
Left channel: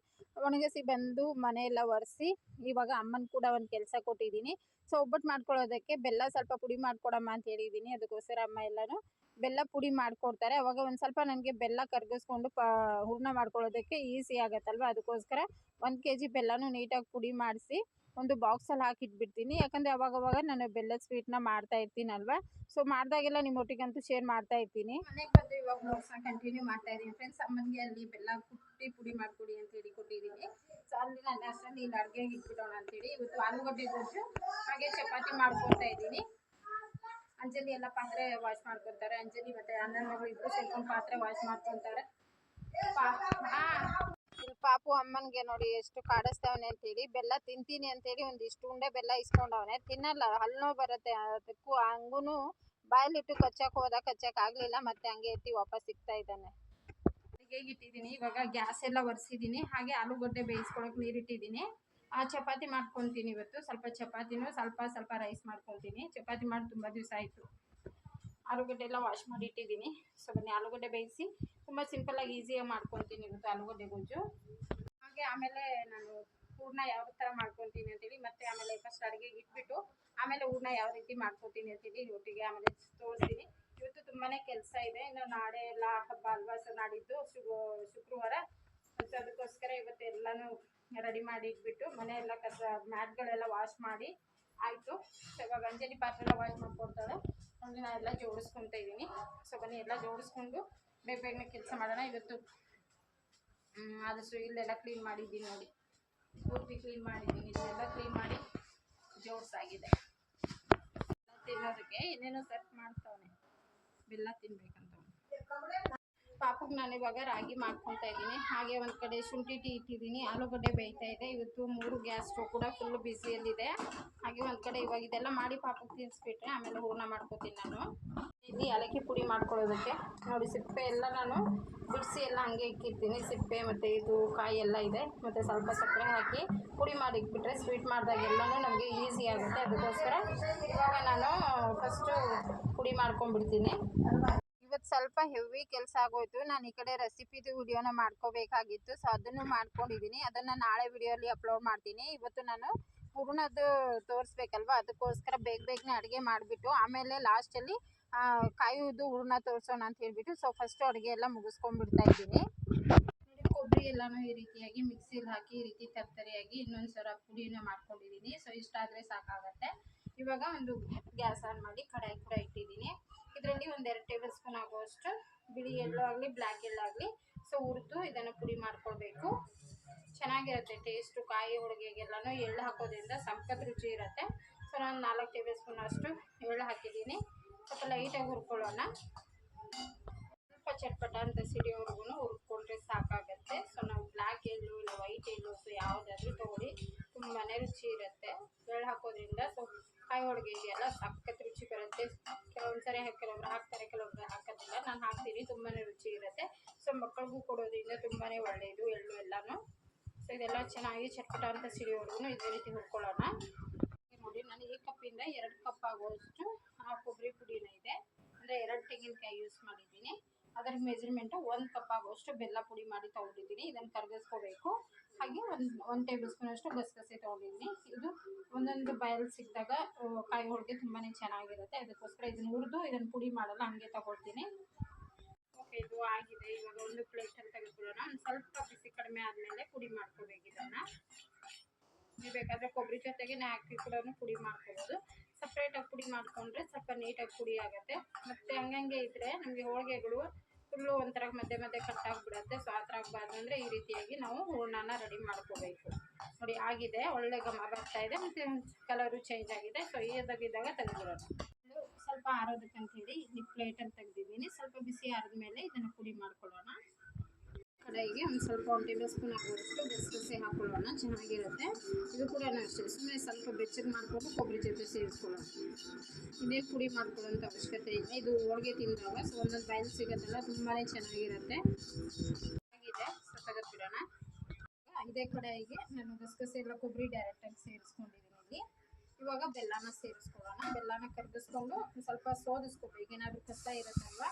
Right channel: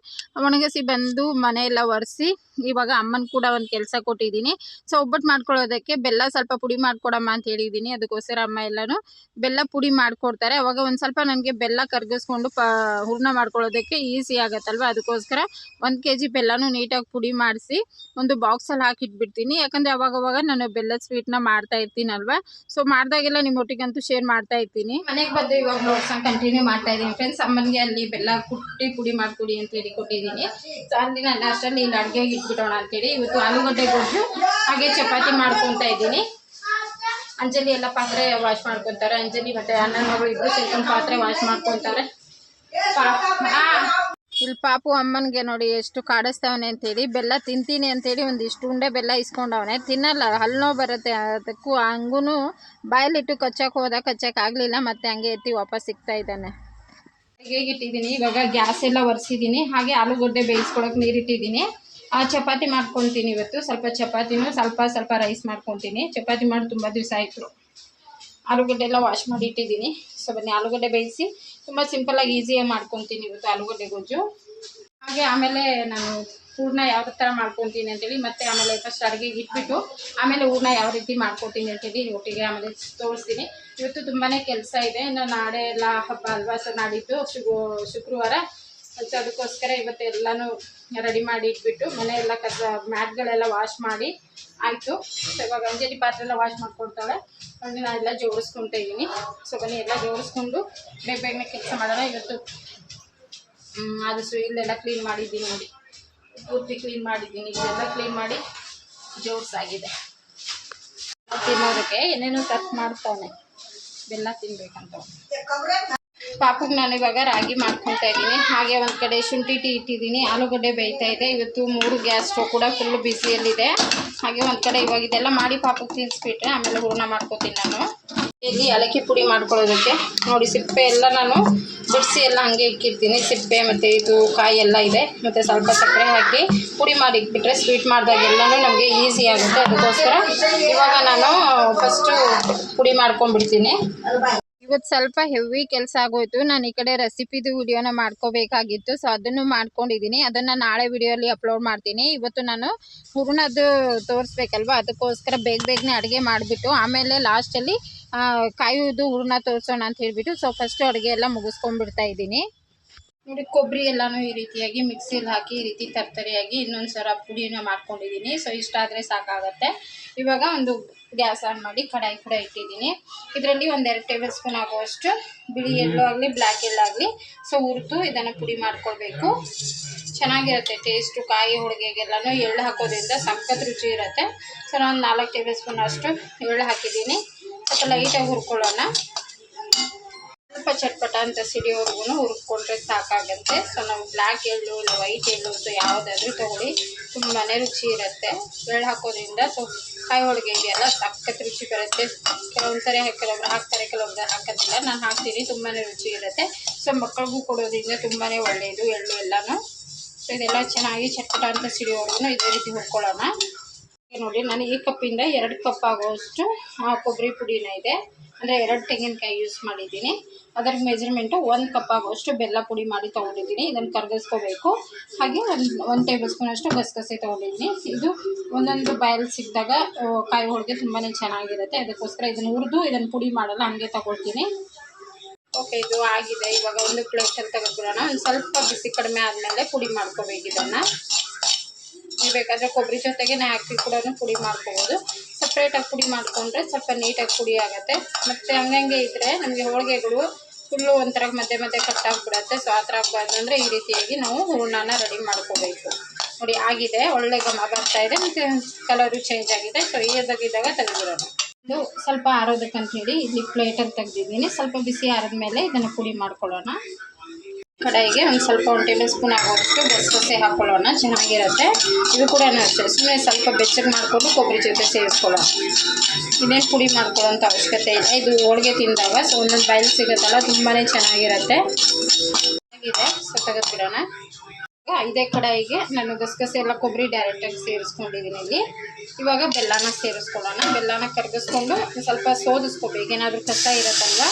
Speaker 1: ಒಣಗಿಸಿ ಬಂದು ಮನೆಯೆಲ್ಲ ಒರೆಸಿ ಇವಾಗ ಅಮ್ಮನ ಕೂಡ ಒಂದು ಕೆಲಸ ಕೊಟ್ಟಿದ್ದೀನಿ. ಸೊ ಒಬ್ಬಟ್ಟು ಮಾಡ್ಕೊಳ್ಳೋದಕ್ಕೆ ಬೆಲ್ಲ ಸ್ವಲ್ಪ ಪುಡಿ ಮಾಡ್ಕೊಡಮ್ಮ ಅಂತ ಹೇಳಿದ್ದೀನಿ. ಅದಕ್ಕೋಸ್ಕರ ಅಮ್ಮ ಎಲ್ಲಾನು ಬೆಲ್ಲ ಪುಡಿ ಮಾಡ್ಕೊಡ್ತಾರೆ. ಅವಾಗ ಒಂದು ಸ್ವಲ್ಪ ನನಗೆ ಬೆಲ್ಲ ಕರ್ಗಿಸ್ಕೊಂಡು ಪ, ಹೂರ್ಣ ಮಾಡ್ಕೊಳ್ಳೋದಕ್ಕೆ ಈಸಿ ಆಗುತ್ತಲ್ವ? ಅದಕ್ಕೋಸ್ಕರ ಒಂದು ಕೆ ಜಿ ಬೆಲ್ಲನೂ ನೀಟಾಗಿ ಪುಡಿ ಮಾಡಿಸಿ ಒಂದು ಬಾಕ್ಸಲ್ಲಿ ಹಾಕಿಟ್ಬಿಡ್ತೀನಿ. ಯಾಕಂದರೆ ಅವಾಗವಾಗ ನಾನು ಬೆಲ್ಲದ ಸ್ವೀಟ್ನ ಮಾಡ್ತಾ ಇರ್ತೀನಲ್ವ? ಸೊ ಮಾಡಿದಾಗೆಲ್ಲ ನಿಮ್ಮ ಒಟ್ಟಿಗಂತೂ ಶೇರ್ ಮಾಡ್ತಾ ಇರ್ತೀನಿ. ಮನೆಗೆ ಬಂದು ಇವಾಗ ನೋಡ್ಸಂಗೆ ಕಂಟಿನ್ಯೂ ಮಾಡ್ತಾ ಇದ್ದೀನಿ ಫ್ರೆಂಡ್ಸ್ ಅಮ್ಮನಿಗೆ ಅಲ್ಲಿ ಬೆಲ್ಲ ಕುಟ್ಟಿ ಪುಡಿ ಮಾಡಿಕೊಡಿ ಅಂತ ಹೇಳಿ ಕೊಟ್ಟಿದ್ದೀನಿ ಸೊ ಅಲ್ಲಿ ನಾನು ಅಷ್ಟರಲ್ಲಿ ಇಲ್ಲಿ ಅಡುಗೆಗೆ ಇಟ್ಬಿಟ್ಟೋಣ ಅಂತೇಳಿ ಇವತ್ತು ಆಲೂಗಡ್ಡೆ ಗೊಜ್ಜು, ಹಾಗೆ ಚಪಾತಿ ಮಾಡ್ಕೊತಾ ಇದ್ದೀನಿ. ಅಂಜಲಿ ಎಲ್ಲ ಪಾತ್ರೆ ವಾಶ್ ಮಾಡ್ಕೊತಾರೆ. ಅಂಜಲಿ ಮತ್ತೆ ಅಣ್ಣನ ಮಗಳು ಇಬ್ಬರು ಸೇರ್ಕೊಂಡು ಪಾತ್ರೆ ವಾಶ್ ಮಾಡ್ಕೊತಾರೆ. ಇಲ್ಲಿ ಪಾಪು ಅಮ್ಮನಿಗೆ ನೋಡಿ ಎಷ್ಟು ಕಾಡಿಸ್ತಾವನೆ ಅಂತೇಳಿ ಬೆಲ್ಲ ತಿಂತೀನಿ ಅಂತೇಳಿ ಒಂದಿಷ್ಟು ಉಂಡೆ ಬೆಲ್ಲ ಇಸ್ಕೊಂಡವನೆ. ತಿನ್ನಲ್ಲ ಹಲ್ಲು ನೋವು ಬರುತ್ತೆ. ಅದಕ್ಕೂ ಹಂಗೂ ಬಾಯಲ್ಲಿಟ್ಟು ಕಚ್ಚಕ್ಕೆ ಹೋದ ಕಚ್ಚಕ್ಕೆ ಆಗಲಿಲ್ಲ ಮತ್ತೆ ಹಂಗೆ ಎತ್ತಿ ವಾಪಸ್ ಸಿಗ್ತಾ ಇದ್ದಾನೆ. ಹೇಗೆ ಇಟ್ಟಿದ್ದೀನಿ ಇವಾಗ ಗ್ಯಾಸ್ ಎಲ್ಲ ಒರೆಸಿದ್ದೀನಿ. ಹಾಗೆ ಆಲೂಗಡ್ಡೆ ಬೇಯಿಸ್ಕೊಳಕ್ಕೆ ನೀರಿಟ್ಟಿದ್ದೀನಿ. ಆ ಚಪಾತಿ ಮಾಡ್ಕೊತೀನಿ ಇವತ್ತು. ಸ್ವಲ್ಪ ಚಪಾತಿನೂ ಸ್ವಲ್ಪ ಸ್ವಲ್ಪ ರೈಸ್ ಮಾಡ್ಕೊತೀನಿ. ಚಪಾತಿ ಮಾಡಿ ತುಂಬ ದಿವಸ ಆಯಿತು. ಆಲೂಗಡ್ಡೆ ಎಲ್ಲ ವಾಶ್ ಮಾಡಿ ಇಟ್ಟಿದ್ದೀನಿ. ಸೊ ಬನ್ನಿ, ಆಲೂಗಡ್ಡೆ ಬೇಯಿಸಿ ತುಂಬ ಸಿಂಪಲ್ಲಾಗಿ ಈಸಿಯಾಗಿ ಮಾಡ್ಕೊತೀನಿ ಇವತ್ತು ಆಲೂಗಡ್ಡೆ ಗೊಜ್ಜು. ಹಾಗೆ ಆಮೇಲೆ ನಾನು ಹೂರ್ಣ ಯಾವ ಥರ ಮಾಡ್ಕೊತೀನಿ ಅಂತೇಳಿ ಮತ್ತೆ ಆಮೇಲೆ ಫಸ್ಟ್ ಅಡುಗೆಗೆ ಇಟ್ಬಿಟ್ಟು ಆಮೇಲೆ ಹೂರ್ಣ ಯಾವ ರೀತಿ ಮಾಡ್ಕೊತೀನಿ ಅಂತೇಳಿ ಒಟ್ಟಿಗೆ ಆಮೇಲೆ ತೋರಿಸ್ತೀನಿ. ಇವತ್ತು ತುಂಬಾ ಕೆಲಸ ಇದೆ. ಇನ್ನು ನಾಳೆ ಎಲ್ಲ ಹಬ್ಬ ಅಲ್ವಾ? ಸೊ ನಾಡಿದ್ದು ಶುಕ್ರವಾರ. ಸೊ ಅದಕ್ಕೋಸ್ಕರ ಇವತ್ತು ಎಲ್ಲನೂ ರೆಡಿ ಮಾಡಿ ಇಟ್ಬಿಟ್ಟು ಮನೆ ಎಲ್ಲ ಕಸ, ಮ್ಯಾಟ್ಗಳೆಲ್ಲ ವಾಶ್ ಮಾಡಿ ಆಯಿತು. ಸೊ ಇವಾಗ ಅಂಜಲಿ ಪಾತ್ರೆ ಎಲ್ಲ ವಾಶ್ ಮಾಡ್ಕೊಡ್ತಾಳೆ ಅಂದರೆ ನಾನೆಲ್ಲ ಜೋಡಿಸ್ಕೊತಾ ಇದ್ದೀನಿ. ಸೊ ಬನ್ನಿ, ಎಲ್ಲ ಜೋಡಿಸ್ಕೊಂಡು ಬೇಗ ಬೇಗನೆ ಕೆಲಸ ಮಾಡೋಣ. ಇವತ್ತು ಅದು ಇಲ್ಲೆಲ್ಲ ಕ್ಲೀನ್ ಮಾಡಿದ್ದೀನಿ ನೋಡಿ. ಪೂರ್ತಿ ಕ್ಲೀನ್ ಮಾಡಿದ್ದೀನಿ. ಇದೆಲ್ಲ ಕ್ಲೀನ್ ಮಾಡಿ ಜೋಡಿಸಾಗಿದೆ. ತಿನ್ನೋದಕ್ಕೆ ಏನೇನೋ ಕಟ್ ಮಾಡ್ತಾನೆ ಬೆಲ್ಲ ತಿನ್ಬೇಕಂತ. ಪಾಪಗೆ ನಾನು ಇವಾಗ ರಾಗಿ ಮಾಡ್ಕೊತಾ ಇದ್ದೀನಿ. ಹಾಗೆ ಒಂದು ಕಡೆ ಶುಂಠಿ ಟೀ ಇಟ್ಟಿದ್ದೀನಿ. ಆಲೂಗಡ್ಡೆ ಬೇಯ್ತಾ ಇದೆ. ಇವತ್ತು ಮೂರು ಗ್ಯಾಸ್ ಸ್ಟವ್ ಕೂಡ ಫುಲ್ ಬಿಸಿಯಲ್ಲಿದೆ. ಹಾಗೆ ಒಂದು ಕಡೆ ಇವಾಗ ಇದೆಲ್ಲ ಮಾಡಿ ಪಾಪಕ್ಕೆ ತಿನ್ನಿಸ್ಬಿಟ್ರೆ ಆಮೇಲೆ ಹೂರ್ಣ ಮಾಡ್ಕೊತೀನಿ ನಾನು. ಇಲ್ಲಿ ಏಲಕ್ಕಿ ಪುಡಿ ಮಾಡ್ಕೊಳ್ಳೋದಕ್ಕೆ. ನೋಡಿ, ಸಿಪ್ಪೆ ಎಲ್ಲ ನಾನು ಬಿಡಿಸಿ ಎಲ್ಲ ಹಾಗೆ ಇಕ್ಕಿರ್ತೀನಿ. ಸಿಪ್ಪೆ ಮತ್ತು ಇದು ಕಾಯಿ ಎಲ್ಲ ಇದೆ. ಮತ್ತು ಸ್ವಲ್ಪ ಸಕ್ಕರೆ ಹಾಕಿ ಪುಡಿ ಮಾಡಿ ಇಟ್ಬಿಟ್ರೆ ಸ್ವೀಟ್ ಮಾಡಿದಾಗೆಲ್ಲನೂ ನಮಗೆ ಈಸಿ ಆಗುತ್ತೆ. ಅದಕ್ಕೋಸ್ಕರ ಇವಾಗ ನಾನು ಫಸ್ಟು ಪುಡಿ ಮಾಡ್ಕೊಂಡ್ಬಿಡ್ತೀನಿ. ಇವತ್ತು ಸ್ವಲ್ಪ ಹೆವಿ ಕೆಲಸ ಆಗೋಯ್ತು. ನಾನು ಈ ಕಡೆ ರೆಸಿಪಿದು ವಿಡಿಯೋನ ಮಾಡ್ಕೋಬೇಕಾಗಿತ್ತು. ಸೊ ಅದನ್ನು ಮಾಡ್ಕೊಂಡಿದ್ದೀನಿ ಅದನ್ನು ನಾಳೆ ವಿಡಿಯೋಲಿ ಅಪ್ಲೋಡ್ ಮಾಡ್ತೀನಿ. ಇವತ್ತು ನಾನು ಹೂರ್ಣದ್ದು ತೋರಿಸ್ಬೇಕಲ್ವ? ಅದಕ್ಕೋಸ್ಕರ ಬೇಗ ಬೇಗನೆ ಅಡುಗೆ ಮಾಡಿಬಿಟ್ಟು, ಆಮೇಲೆ ಲಾಸ್ಟಲ್ಲಿ ಕಾಯುವುದು ಹೂರ್ಣ ತೋರಿಸೋಣ ಅಂತ ಹೇಳಿಬಿಟ್ಟು ಸೊ ಫಸ್ಟು ಅಡುಗೆ ಎಲ್ಲ ಮುಗಿಸ್ಕೊಂಡ್ಬಿಡ್ತಾ ಇದ್ದೀನಿ. ನೋಡಿ, ಕೊಬ್ಬರಿ ಎಲ್ಲನೂ ಈ ರೀತಿಯಾಗಿ ಮಿಕ್ಸಿಲಿ ಹಾಕಿ ಈ ರೀತಿ ತರ್ತರಿಯಾಗಿ ಇನ್ನೊಂದು ಸಲ ಪುಡಿನ ಮಾಡ್ಕೊಂಡಿದ್ದೀನಿ. ಸೊ ಇಷ್ಟಾದರೆ ಸಾಕಾಗತ್ತೆ. ಇವಾಗ ಒಂದು ಗ್ಯಾಸ್ ಆನ್ ಮಾಡಿ ಕಡಾಯಿ ಕೂಡ ಇಟ್ಟಿದ್ದೀನಿ. ಇದರಲ್ಲಿ ಒಂದೆರಡು ಟೇಬಲ್ ಸ್ಪೂನ್ ಆಗುವಷ್ಟು ಬಿಳಿ ಎಲ್ಲೋ ಆಗಲಿ ಬ್ಲ್ಯಾಕ್ ಎಳ್ಳು ಆಗಲಿ ಸೊ ಹುರಿದು ಇದನ್ನು ಪುಡಿ ಮಾಡ್ಕೊಳ್ಬೇಕು. ಚೆನ್ನಾಗಿರುತ್ತೆ ಟೇಸ್ಟು ಕಾಯಿ ಹೋಳಿಗೆಗೆಲ್ಲನೂ ಎಳ್ಳು ಹಾಕೋದ್ರಿಂದ ಸಖತ್ ರುಚಿ ಇರುತ್ತೆ. ಸೊ ನಾನು ನಾಲ್ಕು ಟೇಬಲ್ ಸ್ಪೂನ್ ಅಷ್ಟು ಎಳ್ಳು ಹಾಕಿದ್ದೀನಿ. ಸ್ವಲ್ಪ ಲೈಟಾಗಿ ಹುರ್ಕೊಳ್ಳೋಣ. ಸ್ವಲ್ಪ ಚಟ್ಪಟ ಅಂತ ಸಿಡಿಯೋವರೆಗೂ ಹುರ್ಕೊಂಡ್ರೆ ಸಾಕಾಗುತ್ತೆ. ಸೊ ನಾವು ಬ್ಲ್ಯಾಕ್ ಎಳ್ಳು ಇಲ್ಲ ವೈಟ್ ಎಳ್ಳು ಸೊ ಯಾವುದಾದ್ರೂ ತೊಗೊಳ್ಳಿ. ತುಂಬಾ ರುಚಿ ಇರುತ್ತೆ. ಎಳ್ಳು ಹಾಕೋದ್ರಿಂದ ಸೊ ಕಾಯಿ ಹೋಳಿಗೆಗೆ ಎಲ್ಲ ಸಖತ್ ರುಚಿ ಬರುತ್ತೆ. ಕೆಲವೊಂದು ಸರಿ ಕೆಲವೊಬ್ರು ಹಾಕ್ತಾರೆ, ಕೆಲವೊಬ್ರು ಹಾಕೋದಿಲ್ಲ. ನಾನು ಹಾಕ್ತೀನಿ ತುಂಬಾ ರುಚಿ ಇರುತ್ತೆ. ಸೊ ಮಕ್ಕಳಿಗೂ ಕೊಡೋದ್ರಿಂದ ತುಂಬಾ ಒಳ್ಳೆಯದು ಎಳ್ಳು ಎಲ್ಲನೂ. ಸೊ ಇದೆಲ್ಲ ಚೆನ್ನಾಗಿ ಚಟ್ಪಟ ಅಂತ ಸಿಡಿಯೋವರೆಗೂ ಇದೇ ರೀತಿ ಹುರ್ಕೊಳ್ಳೋಣ. ನೋಡಿ, ನಾನು ಈ ಕಪ್ಪಿಂದ ಎರಡು ಕಪ್ ಆಗೋಷ್ಟು ಕೊಬ್ಬರಿ ಪುಡಿನ ಇದೆ. ಅಂದರೆ ಎರಡು ತೆಂಗಿನಕಾಯಿ ಯೂಸ್ ಮಾಡಿದ್ದೀನಿ. ಅದರ ಮೆಜರ್ಮೆಂಟು ಒಂದು ಕಪ್ ಆಗುವಷ್ಟು ಬೆಲ್ಲ ಪುಡಿ ಮಾಡಿ ತೊಗೊಂಡಿದ್ದೀನಿ. ಇದನ್ನು ಕರಗಿಸ್ಕೋಬೇಕು. ಹಾಗೆ ಒಂದು ಒಂದು ಟೇಬಲ್ ಸ್ಪೂನ್ ಅಷ್ಟು ಗಸಗಸೆ ತೊಗೊಂಡಿದ್ದೀನಿ. ಇದು ಒಂದೊಂದು ಬಾಯಲ್ಲಿ ಸಿಕ್ಕಿದಾಗ ಕಾಯಿ ಹೋಳಿಗೆ ತುಂಬಾ ಚೆನ್ನಾಗಿರುತ್ತೆ. ಅದಕ್ಕೋಸ್ಕರ ಇದನ್ನು ಹುರಿದು ಇದನ್ನು ಪುಡಿ ಮಾಡಲ್ಲ, ಹಂಗೆ ತಗೊಳ್ತೀನಿ. ಓಕೆ ಇದು ಆಗಿದೆ. ಇವಾಗ ಒಂದು ಪ್ಲೇಟಲ್ಲಿ ತೆಗೆದ್ಬಿಡೋಣ. ಒಂದು ಸ್ವಲ್ಪ ಬಿಸಿ ಕಡಿಮೆ ಆದಮೇಲೆ ಪುಡಿ ಮಾಡ್ಕೋಬೇಕು ಇದನ್ನು. ನೀವು ಬೇಕಾದರೆ ಕೊಬ್ಬರಿ ಜೊತೆಗೆ ಹಾಕಿ ಕೂಡ ಪುಡಿ ಮಾಡ್ಕೋಬೋದು. ಸಪ್ರೇಟಾಗಿ ಪುಡಿ ಮಾಡಿಕೊಂಡ್ರೆ ಸ್ವಲ್ಪ ನೀಟಾಗಿ ಪುಡಿ ಆಗುತ್ತೆ. ಮತ್ತು ಹಂಗಂಗೆ ಇದ್ದರೆ ನಮಗೆ ಹೋಳಿಗೆಗಳು ಫುಲ್ಲು ಒಂಥರ ಮಧ್ಯೆ ಮಧ್ಯೆ ಕಟ್ಟಾಗ್ಬಿಡತ್ತೆ ಸೊ ಆ ಥರ ಆಗಬಾರ್ದು ಅಂದರೆ ಈ ರೀತಿಯಾಗಿ ನಾವು ಹೂರ್ಣನ ರೆಡಿ ಮಾಡ್ಕೋಬೇಕು. ನೋಡಿ, ಆಗಿದೆ. ಒಳ್ಳೆ ಗಮ ಬರ್ತಾ ಇದೆ. ಮತ್ತು ಕಲರು ಚೇಂಜ್ ಆಗಿದೆ. ಸೊ ಇದಾಗಿದ್ದಾಗ ತೆಗೆದಿರೋದು. ಇದು ಸ್ವಲ್ಪ ಆರೋದಕ್ಕಂತ ಹೇಳಿ ಇಲ್ಲಿ ಪ್ಲೇಟಲ್ಲಿ ತೆಗೆದಿದ್ದೀನಿ. ಸ್ವಲ್ಪ ಬಿಸಿ ಆರಿದ ಮೇಲೆ ಇದನ್ನು ಪುಡಿ ಮಾಡ್ಕೊಳ್ಳೋಣ. ಕಡಾಯಿಗೆ ಒಂದು ಸ್ವಲ್ಪ ಒಂದು ಟೇಬಲ್ ಸ್ಪೂನ್ ಆಗುವಷ್ಟು ಗಸಗಸೆ ಹಾಕ್ಕೊಳ್ಳೋಣ ಚೆನ್ನಾಗಿರುತ್ತೆ. ಇದು ಕೂಡ ಅಷ್ಟೇ ಸುಮ್ಮನೆ ಸ್ವಲ್ಪ ಬೆಚ್ಚಗೆ ಮಾಡಿಕೊಂಡು ಕೊಬ್ಬರಿ ಜೊತೆ ಸೇರಿಸ್ಕೊಳ್ಳೋಣ. ಇದೇ ಪುಡಿ ಮಾಡ್ಕೊಳ್ಳೋಂಥ ಅವಶ್ಯಕತೆ ಇಲ್ಲ. ಇದು ಹೋಳಿಗೆ ತಿಂದಾಗ, ಸೊ ಒಂದೊಂದು ಬಾಯಲ್ಲಿ ಸಿಗುತ್ತಲ್ಲ ತುಂಬಾ ಚೆನ್ನಾಗಿರುತ್ತೆ. ಚೆನ್ನಾಗಿದೆ ಸೊ ಇವಾಗ ಇದೇ ಕಡಾಯಿಗೆ ನಾನು ಗಸಗಸೆ ಎಲ್ಲ ಕೊಬ್ಬರಿ ಡೈರೆಕ್ಟಾಗಿ ಸೇರಿಸ್ಕೊಂಡಿದ್ದೀನಿ ಇಲ್ಲಿ. ಇವಾಗ ಬೆಲ್ಲನ ಸೇರಿಸ್ಕೊಳ್ಳೋಣ. ಬೆಲ್ಲನ ಕರಗಿಸ್ಕೊಂಡು ಸ್ವಲ್ಪ ಸೋದಿಸ್ಕೋಬೇಕು. ಏನಾದರೂ ಕಷ್ಟ ಇರುತ್ತಲ್ವ?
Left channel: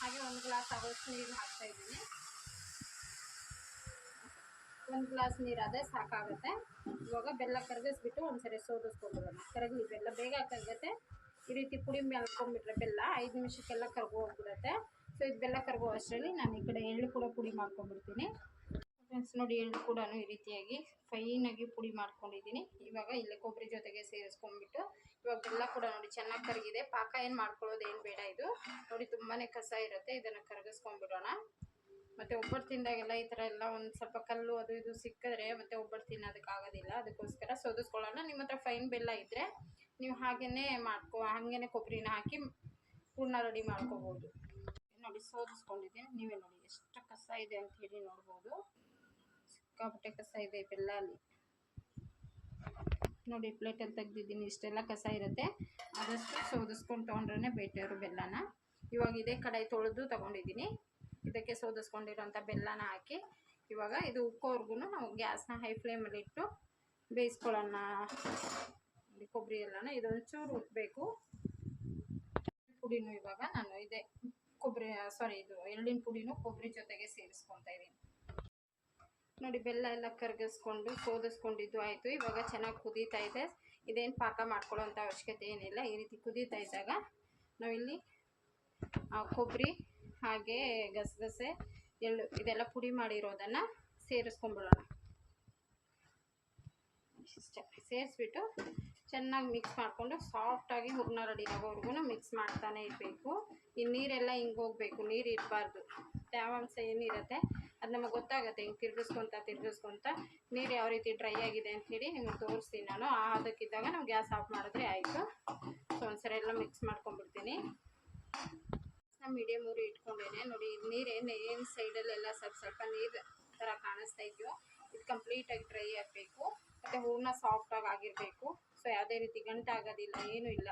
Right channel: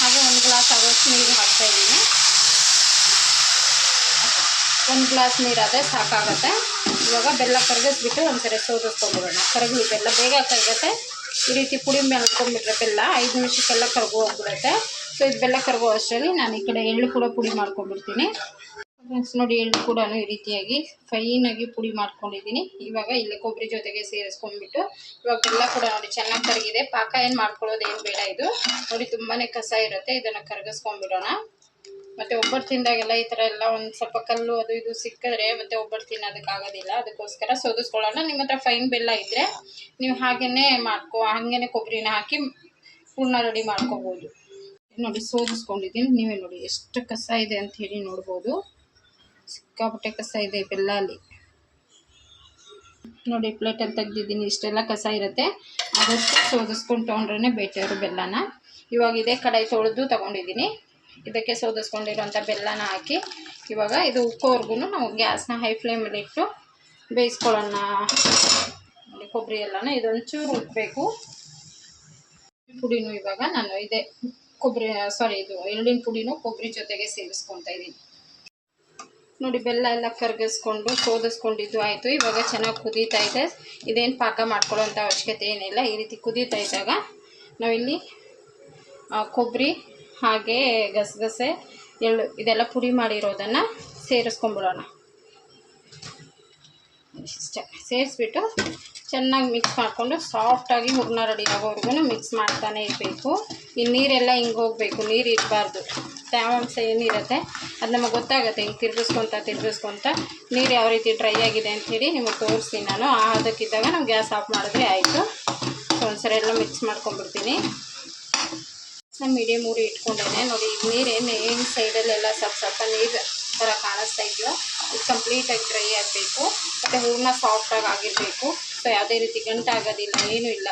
Speaker 1: ಹಾಗೆ ಒಂದು ಗ್ಲಾಸ್ ಆಗೋಷ್ಟು ನೀರು ಹಾಕ್ತಾ ಇದ್ದೀನಿ. ಒಂದು ಗ್ಲಾಸ್ ನೀರಾದರೆ ಸಾಕಾಗುತ್ತೆ. ಇವಾಗ ಬೆಲ್ಲ ಕರಗಿಸ್ಬಿಟ್ಟು ಒಂದ್ಸರಿ ಸೋದಿಸ್ಕೊಂಡ್ಬಿಡೋಣ ಕರಗಲಿ ಬೆಲ್ಲ ಬೇಗ ಕರಗುತ್ತೆ. ಈ ರೀತಿ ಪುಡಿ ಮೆಲ್ಕೊಂಡ್ಬಿಟ್ರೆ ಬೆಲ್ಲ ಐದು ನಿಮಿಷಕ್ಕೆಲ್ಲ ಕರಗು ಹೋಗ್ಬಿಡುತ್ತೆ. ಸೊ ಇದು ಬೆಲ್ಲ ಕರಗೋ ಅಷ್ಟರಲ್ಲಿ ನಾನು ಈ ಕಡೆ ಎಳ್ಳು ಕೂಡ ಪುಡಿ ಮಾಡ್ಕೊಂಡ್ಬಿಡ್ತೀನಿ. ಫ್ರೆಂಡ್ಸ್ ನೋಡಿ ಎಳ್ಳು ಕೂಡ ಈ ರೀತಿಯಾಗಿ ಫೈನಾಗಿ ಪುಡಿ ಮಾಡ್ಕೊಂಡಿದ್ದೀನಿ. ಇವಾಗ ಇಲ್ಲಿ ಕೊಬ್ಬರಿ ಜೊತೆಗೆ ಸೇರಿಸ್ಕೊಂಡ್ಬಿಟ್ಟು ಇವಾಗ ಬೆಲ್ಲ ಕೂಡ ನೋಡಿ ಚೆನ್ನಾಗಿ ಕರಗಿದೆ. ಪಾಕ ಏನು ಮಾಡ್ಕೊಳ್ಳೋದು ಏನು ಬೇಡ ಇದು. ನೋಡಿ ತುಂಬಾ ಕಸ ಇರುತ್ತೆ. ಇದನ್ನು ಕರಗಿಸ್ಕೊಂಡ್ಬಿಡೋಣ. ಮತ್ತು ಒಬ್ಬರು ತಿಂದಾಗೆಲ್ಲ ಈ ಥರ ಎಲ್ಲ ಒಂದು ಸ್ವಲ್ಪ ಕಲ್ಲು ಅದು ಇದು ಸಿಕ್ಕಿದ್ರೆ ಮತ್ತೆ ಒಬ್ಬರು ತಿನ್ನೋದಕ್ಕಾಗೋದಿಲ್ಲ ಅದಕ್ಕೋಸ್ಕರ ಸೋದಿಸ್ಕೊಳ್ಳೋಣ. ನಿಮ್ಮ ಹತ್ರ ಫೈನ್ ಬೆಲ್ಲ ಇದ್ದರೆ ನೀವು ಹಾಗೇ ಮಾಡ್ಕೊ ಹಾಗೇ ಕೊಬ್ಬರಿನ ಹಾಕಿ ಹೂರ್ಣ ರೆಡಿ ಮಾಡ್ಕೋಬೋದು. ನೋಡಿ, ಸೋದಿಸ್ಕೊಂಡಿದ್ದೀನಿ. ನೀವೇ ನೋಡಿ, ಎಷ್ಟು ಕಸ ಇದೆ ಅಂತ ಹೇಳಿ ನೋಡ್ಬೋದು. ಸಿಕ್ಕಾಪಟ್ಟೆ ಕಸ ಇದೆ ಬೆಲ್ಲ ಅಲ್ಲಿ ನೋಡಿ ಪ್ಲೇಟಲ್ಲಿ ತೆಗ್ದಿದ್ದೀನಿ. ಇಷ್ಟೆಲ್ಲ ಕಸ ಇರುತ್ತೆ. ಆದಷ್ಟು ಸೋದಿಸ್ಕೊಂಡು ತೊಗೊಂಡ್ರೆ ಬೆಟರು ಬೆಲ್ಲನ. ಇವಾಗ ಇದೇ ಕಡಾಯಿ ತೊಳೆದು ತೊಗೊಂಡಿದ್ದೀನಿ. ಇದಕ್ಕೆ ಸೋದಿಸ್ಕೊಂಡಿರುವಂಥ ಬೆಲ್ಲನ ಹಾಕಿ ಇವಾಗ ಇದು ಉಕ್ಕೋವರೆಗೂ ನಾವು ಗ್ಯಾಸ್ನ ಹೈ ಫ್ಲೇಮಲ್ಲಿ ಇಟ್ಟು ಬೇಯಿಸ್ಕೊಳ್ಳೋಣ. ಕೊಬ್ಬರಿ ಎಲ್ಲನೂ ಇದೊಂಚೂರು ಉಪ್ಪಬೇಕು ಪುಡಿನೂ ಇವಾಗ ನಾನು ಇದೇ ಕೊಬ್ಬರಿ ಸಾರಿ ಇದು ಎಳ್ಳಿನ ಪುಡಿನೂ ಕೊಬ್ಬರಿ ಜೊತೆಗೆ ಸೇರಿಸ್ಕೊತಾ ಇದ್ದೀನಿ. ನೋಡಿ, ಬೆಲ್ಲ ಎಲ್ಲ ಕರಗಿಸ್ಕೊಂಡು ಸೋದಿಸ್ಕೊಂಡಿದ್ದು ಆಯಿತು. ಇವಾಗ ಚೆನ್ನಾಗಿ ಕುದೀತಾ ಇದೆ. ಇದೇನು ಪಾಕ ಮಾಡ್ಕೊಳ್ಳೋಂಥ ಅವಶ್ಯಕತೆ ಏನಿಲ್ಲ. ಈ ರೀತಿ ಕುದೀತಾ ಇದ್ದಾಗ ನಾವಿಲ್ಲಿ ಕೊಬ್ಬರಿ ಹಾಗೆ ಗಸಗಸೆ, ಎಳ್ಳು ಇದೆಲ್ಲ ಪುಡಿ ಮಾಡಿರೋದನ್ನು ಸೇರಿಸ್ಕೊಂಬಿಡೋಣ ಇಷ್ಟೇ, ಸೇರಿಸ್ಬಿಟ್ಟು ಚೆನ್ನಾಗಿ ಮಿಕ್ಸ್ ಮಾಡಿಕೊಂಡು ಸಾಫ್ಟಾಗಿ ಹೂರ್ಣ ರೆಡಿ ಆಗೋವರೆಗೂ ಮಿಕ್ಸ್ ಮಾಡ್ತಾನೆ ಇರಬೇಕು. ಈ ನೀರೆಲ್ಲ ಹಿಂಗೆ ಹೋಗಬೇಕು, ನೀರು ಇರಬಾರ್ದು. ತೇವಾಂಶ ಏನಿರುತ್ತೆ, ಅದು ನಮಗೆ ಗೊತ್ತಾಗುತ್ತೆ, ಹಿಂಗೆ ತಿರ್ಗಿಸ್ಕೊತ ತಿರ್ಗಿಸ್ಕೊತ ನೀರು ಯಾವ ರೀತಿ ಡ್ರೈ ಆಗಿದೆ ಅಂಥೇಳಿ ನಿಮಗೆ ತೋರಿಸ್ತೀನಿ ನಾನು. ಆ ಹದಕ್ಕಿದ್ದಾಗ ನಾವು ಗ್ಯಾಸ್ ಆಫ್ ಮಾಡಿದ್ರೆ ಆಯಿತು. ಸೊ ಒಂದ್ಸರಿ ಎಲ್ಲ ಮಿಕ್ಸ್ ಮಾಡ್ಕೊಂಡ್ಬಿಡ್ತೀನಿ. ನಾನು ಮೀಡಿಯಮ್ ಊರಿ ಇಟ್ಕೊಂಡೇನೆ ನೋಡಿ ಈಗ ನೀರು ಏನು ಸೈಡಲ್ಲೆಲ್ಲ ಸ್ವಲ್ಪ ಸ್ವಲ್ಪ ನೀರು ಥರ ಕಾಣಿಸ್ತಾ ಇದೆಯೋ ಇದು ಕಂಪ್ಲೀಟಾಗಿ ಡ್ರೈ ಆಗಬೇಕು. ಮತ್ತು ಹೂರ್ಣ ಸಾಫ್ಟಾಗಿ ಆಗಿರಬೇಕು. ಸೊ ಯಾವುದೇ ರೀತಿ ಗಂಟು ಆಗೋದಿಲ್ಲ ಏನೂ ಇಲ್ಲ.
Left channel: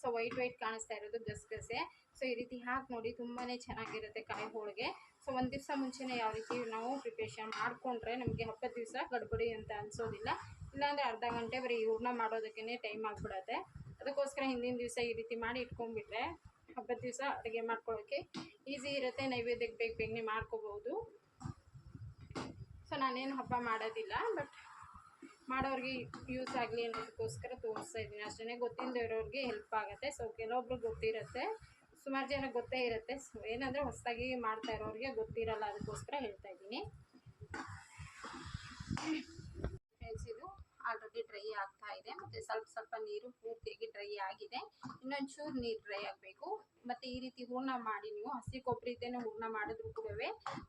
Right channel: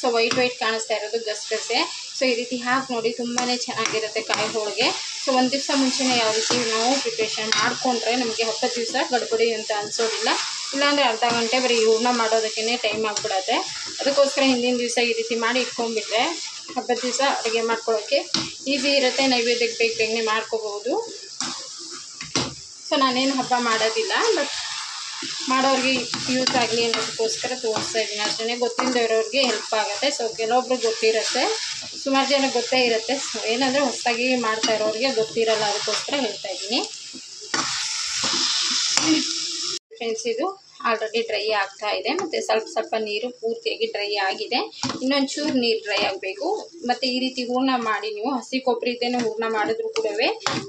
Speaker 1: ಸೊ ವೈಟ್ ವೈಟ್ ಕಾಣಿಸ್ತಾ ಇರೋದು ಗಸಗಸೆ. ಸೊ ಈ ರೀತಿ ಹಾಕಿ ನೋಡಿ ತುಂಬಾ ಚೆನ್ನಾಗಿರುತ್ತೆ ಕಾಯಿ ಹೋಳಿಗೆ. ಸೊ ಒಂದು ದಿವಸ ಮುಂಚೆನೇ ಯಾವ ರೀತಿ ನಾವು ಪ್ರಿಪ್ರೇಷನ್ ಮಾಡಿಕೊಂಡ್ರೆ ನಮಗೆ ಹತ್ತು ದಿವಸ ಗಡ್ಬಡಿ ಅಂತ ಅನಿಸೋದಿಲ್ಲ. ಇಲ್ಲಾಂದರೆ ಅರ್ಧ ಗಂಟೆ ಬರೀ ಹೂರ್ಣ ಮಾಡೋದಕ್ಕೇ ಟೈಮ್ ಆಗಿಬಿಡತ್ತೆ. ಅದಕ್ಕೋಸ್ಕರ ಹಿಂದಿನ ದಿವಸ ಈ ರೀತಿ ಮಾಡಿ ಇಟ್ಕೊಂಡ್ಬಿಟ್ರೆ ಹಬ್ಬದ ದಿವಸ ಅಡುಗೆ ಮಾಡ್ಕೊಳ್ಳೋಕ್ಕೆ ಈಸಿ ಇರುತ್ತೆ, ನೈವೇದ್ಯಕ್ಕೆ ಬೇಗ ಬೇಗನೆ ಮಾಡ್ಕೋಬೋದು. ಸೊ, ನಾನೇನು ಹಬ್ಬ ಮಾಡೋದಿಲ್ಲ, ಬಟ್ ಮಾಡೋರಿಗೆ ಯೂಸ್ ಆಗಲಿ ಅನ್ನೋದಕ್ಕೋಸ್ಕರ ತೋರಿಸ್ತಾ ಇದ್ದೀನಿ. ಅಷ್ಟೇ ಗೊತ್ತಿಲ್ಲದವ್ರವ್ರಿಗೆ ಹೆಲ್ಪ್ ಆಗುತ್ತೆ. ಸೊ ಕೆಲವೊಬ್ರು ಗೊತ್ತಿರುತ್ತೆ. ಸುಮಾರು ಜನ ಗೊತ್ತೇ ಇರುತ್ತೆ. ಸೊ ಏನಂದರೆ ಹೊಸದಾಗಿ ಮಾಡ್ತಾ ಇರೋರಿಗೆ ಗೊತ್ತಿರಲ್ಲ, ಅದಕ್ಕೋಸ್ಕರ ಹೇಳ್ತಾ ಇದ್ದೀನಿ. ಫ್ರೆಂಡ್ಸ್ ಇದು ಆಲ್ರೆಡಿ ಡ್ರೈ ಆಗ್ತಾ ಇದೆ. ಮತ್ತು ಸ್ವಲ್ಪ ಸ್ವಲ್ಪ ನೀರು ಪೂರ್ತಿಯಾಗಿ ಡ್ರೈ ಆಗಿದೆ. ಇನ್ನೊಂಚೂರು ನೀರು ಡ್ರೈ ಆಗಬೇಕು. ಮತ್ತು ಈ ರೀತಿ ಹೂರ್ಣ ಮಾಡಿ ನೀವು ಹಸಿ ಕೊಬ್ಬರಿದ್ದೇನೆ ಹೂರ್ಣ ಮಾಡಿದ್ರು ಕೂಡ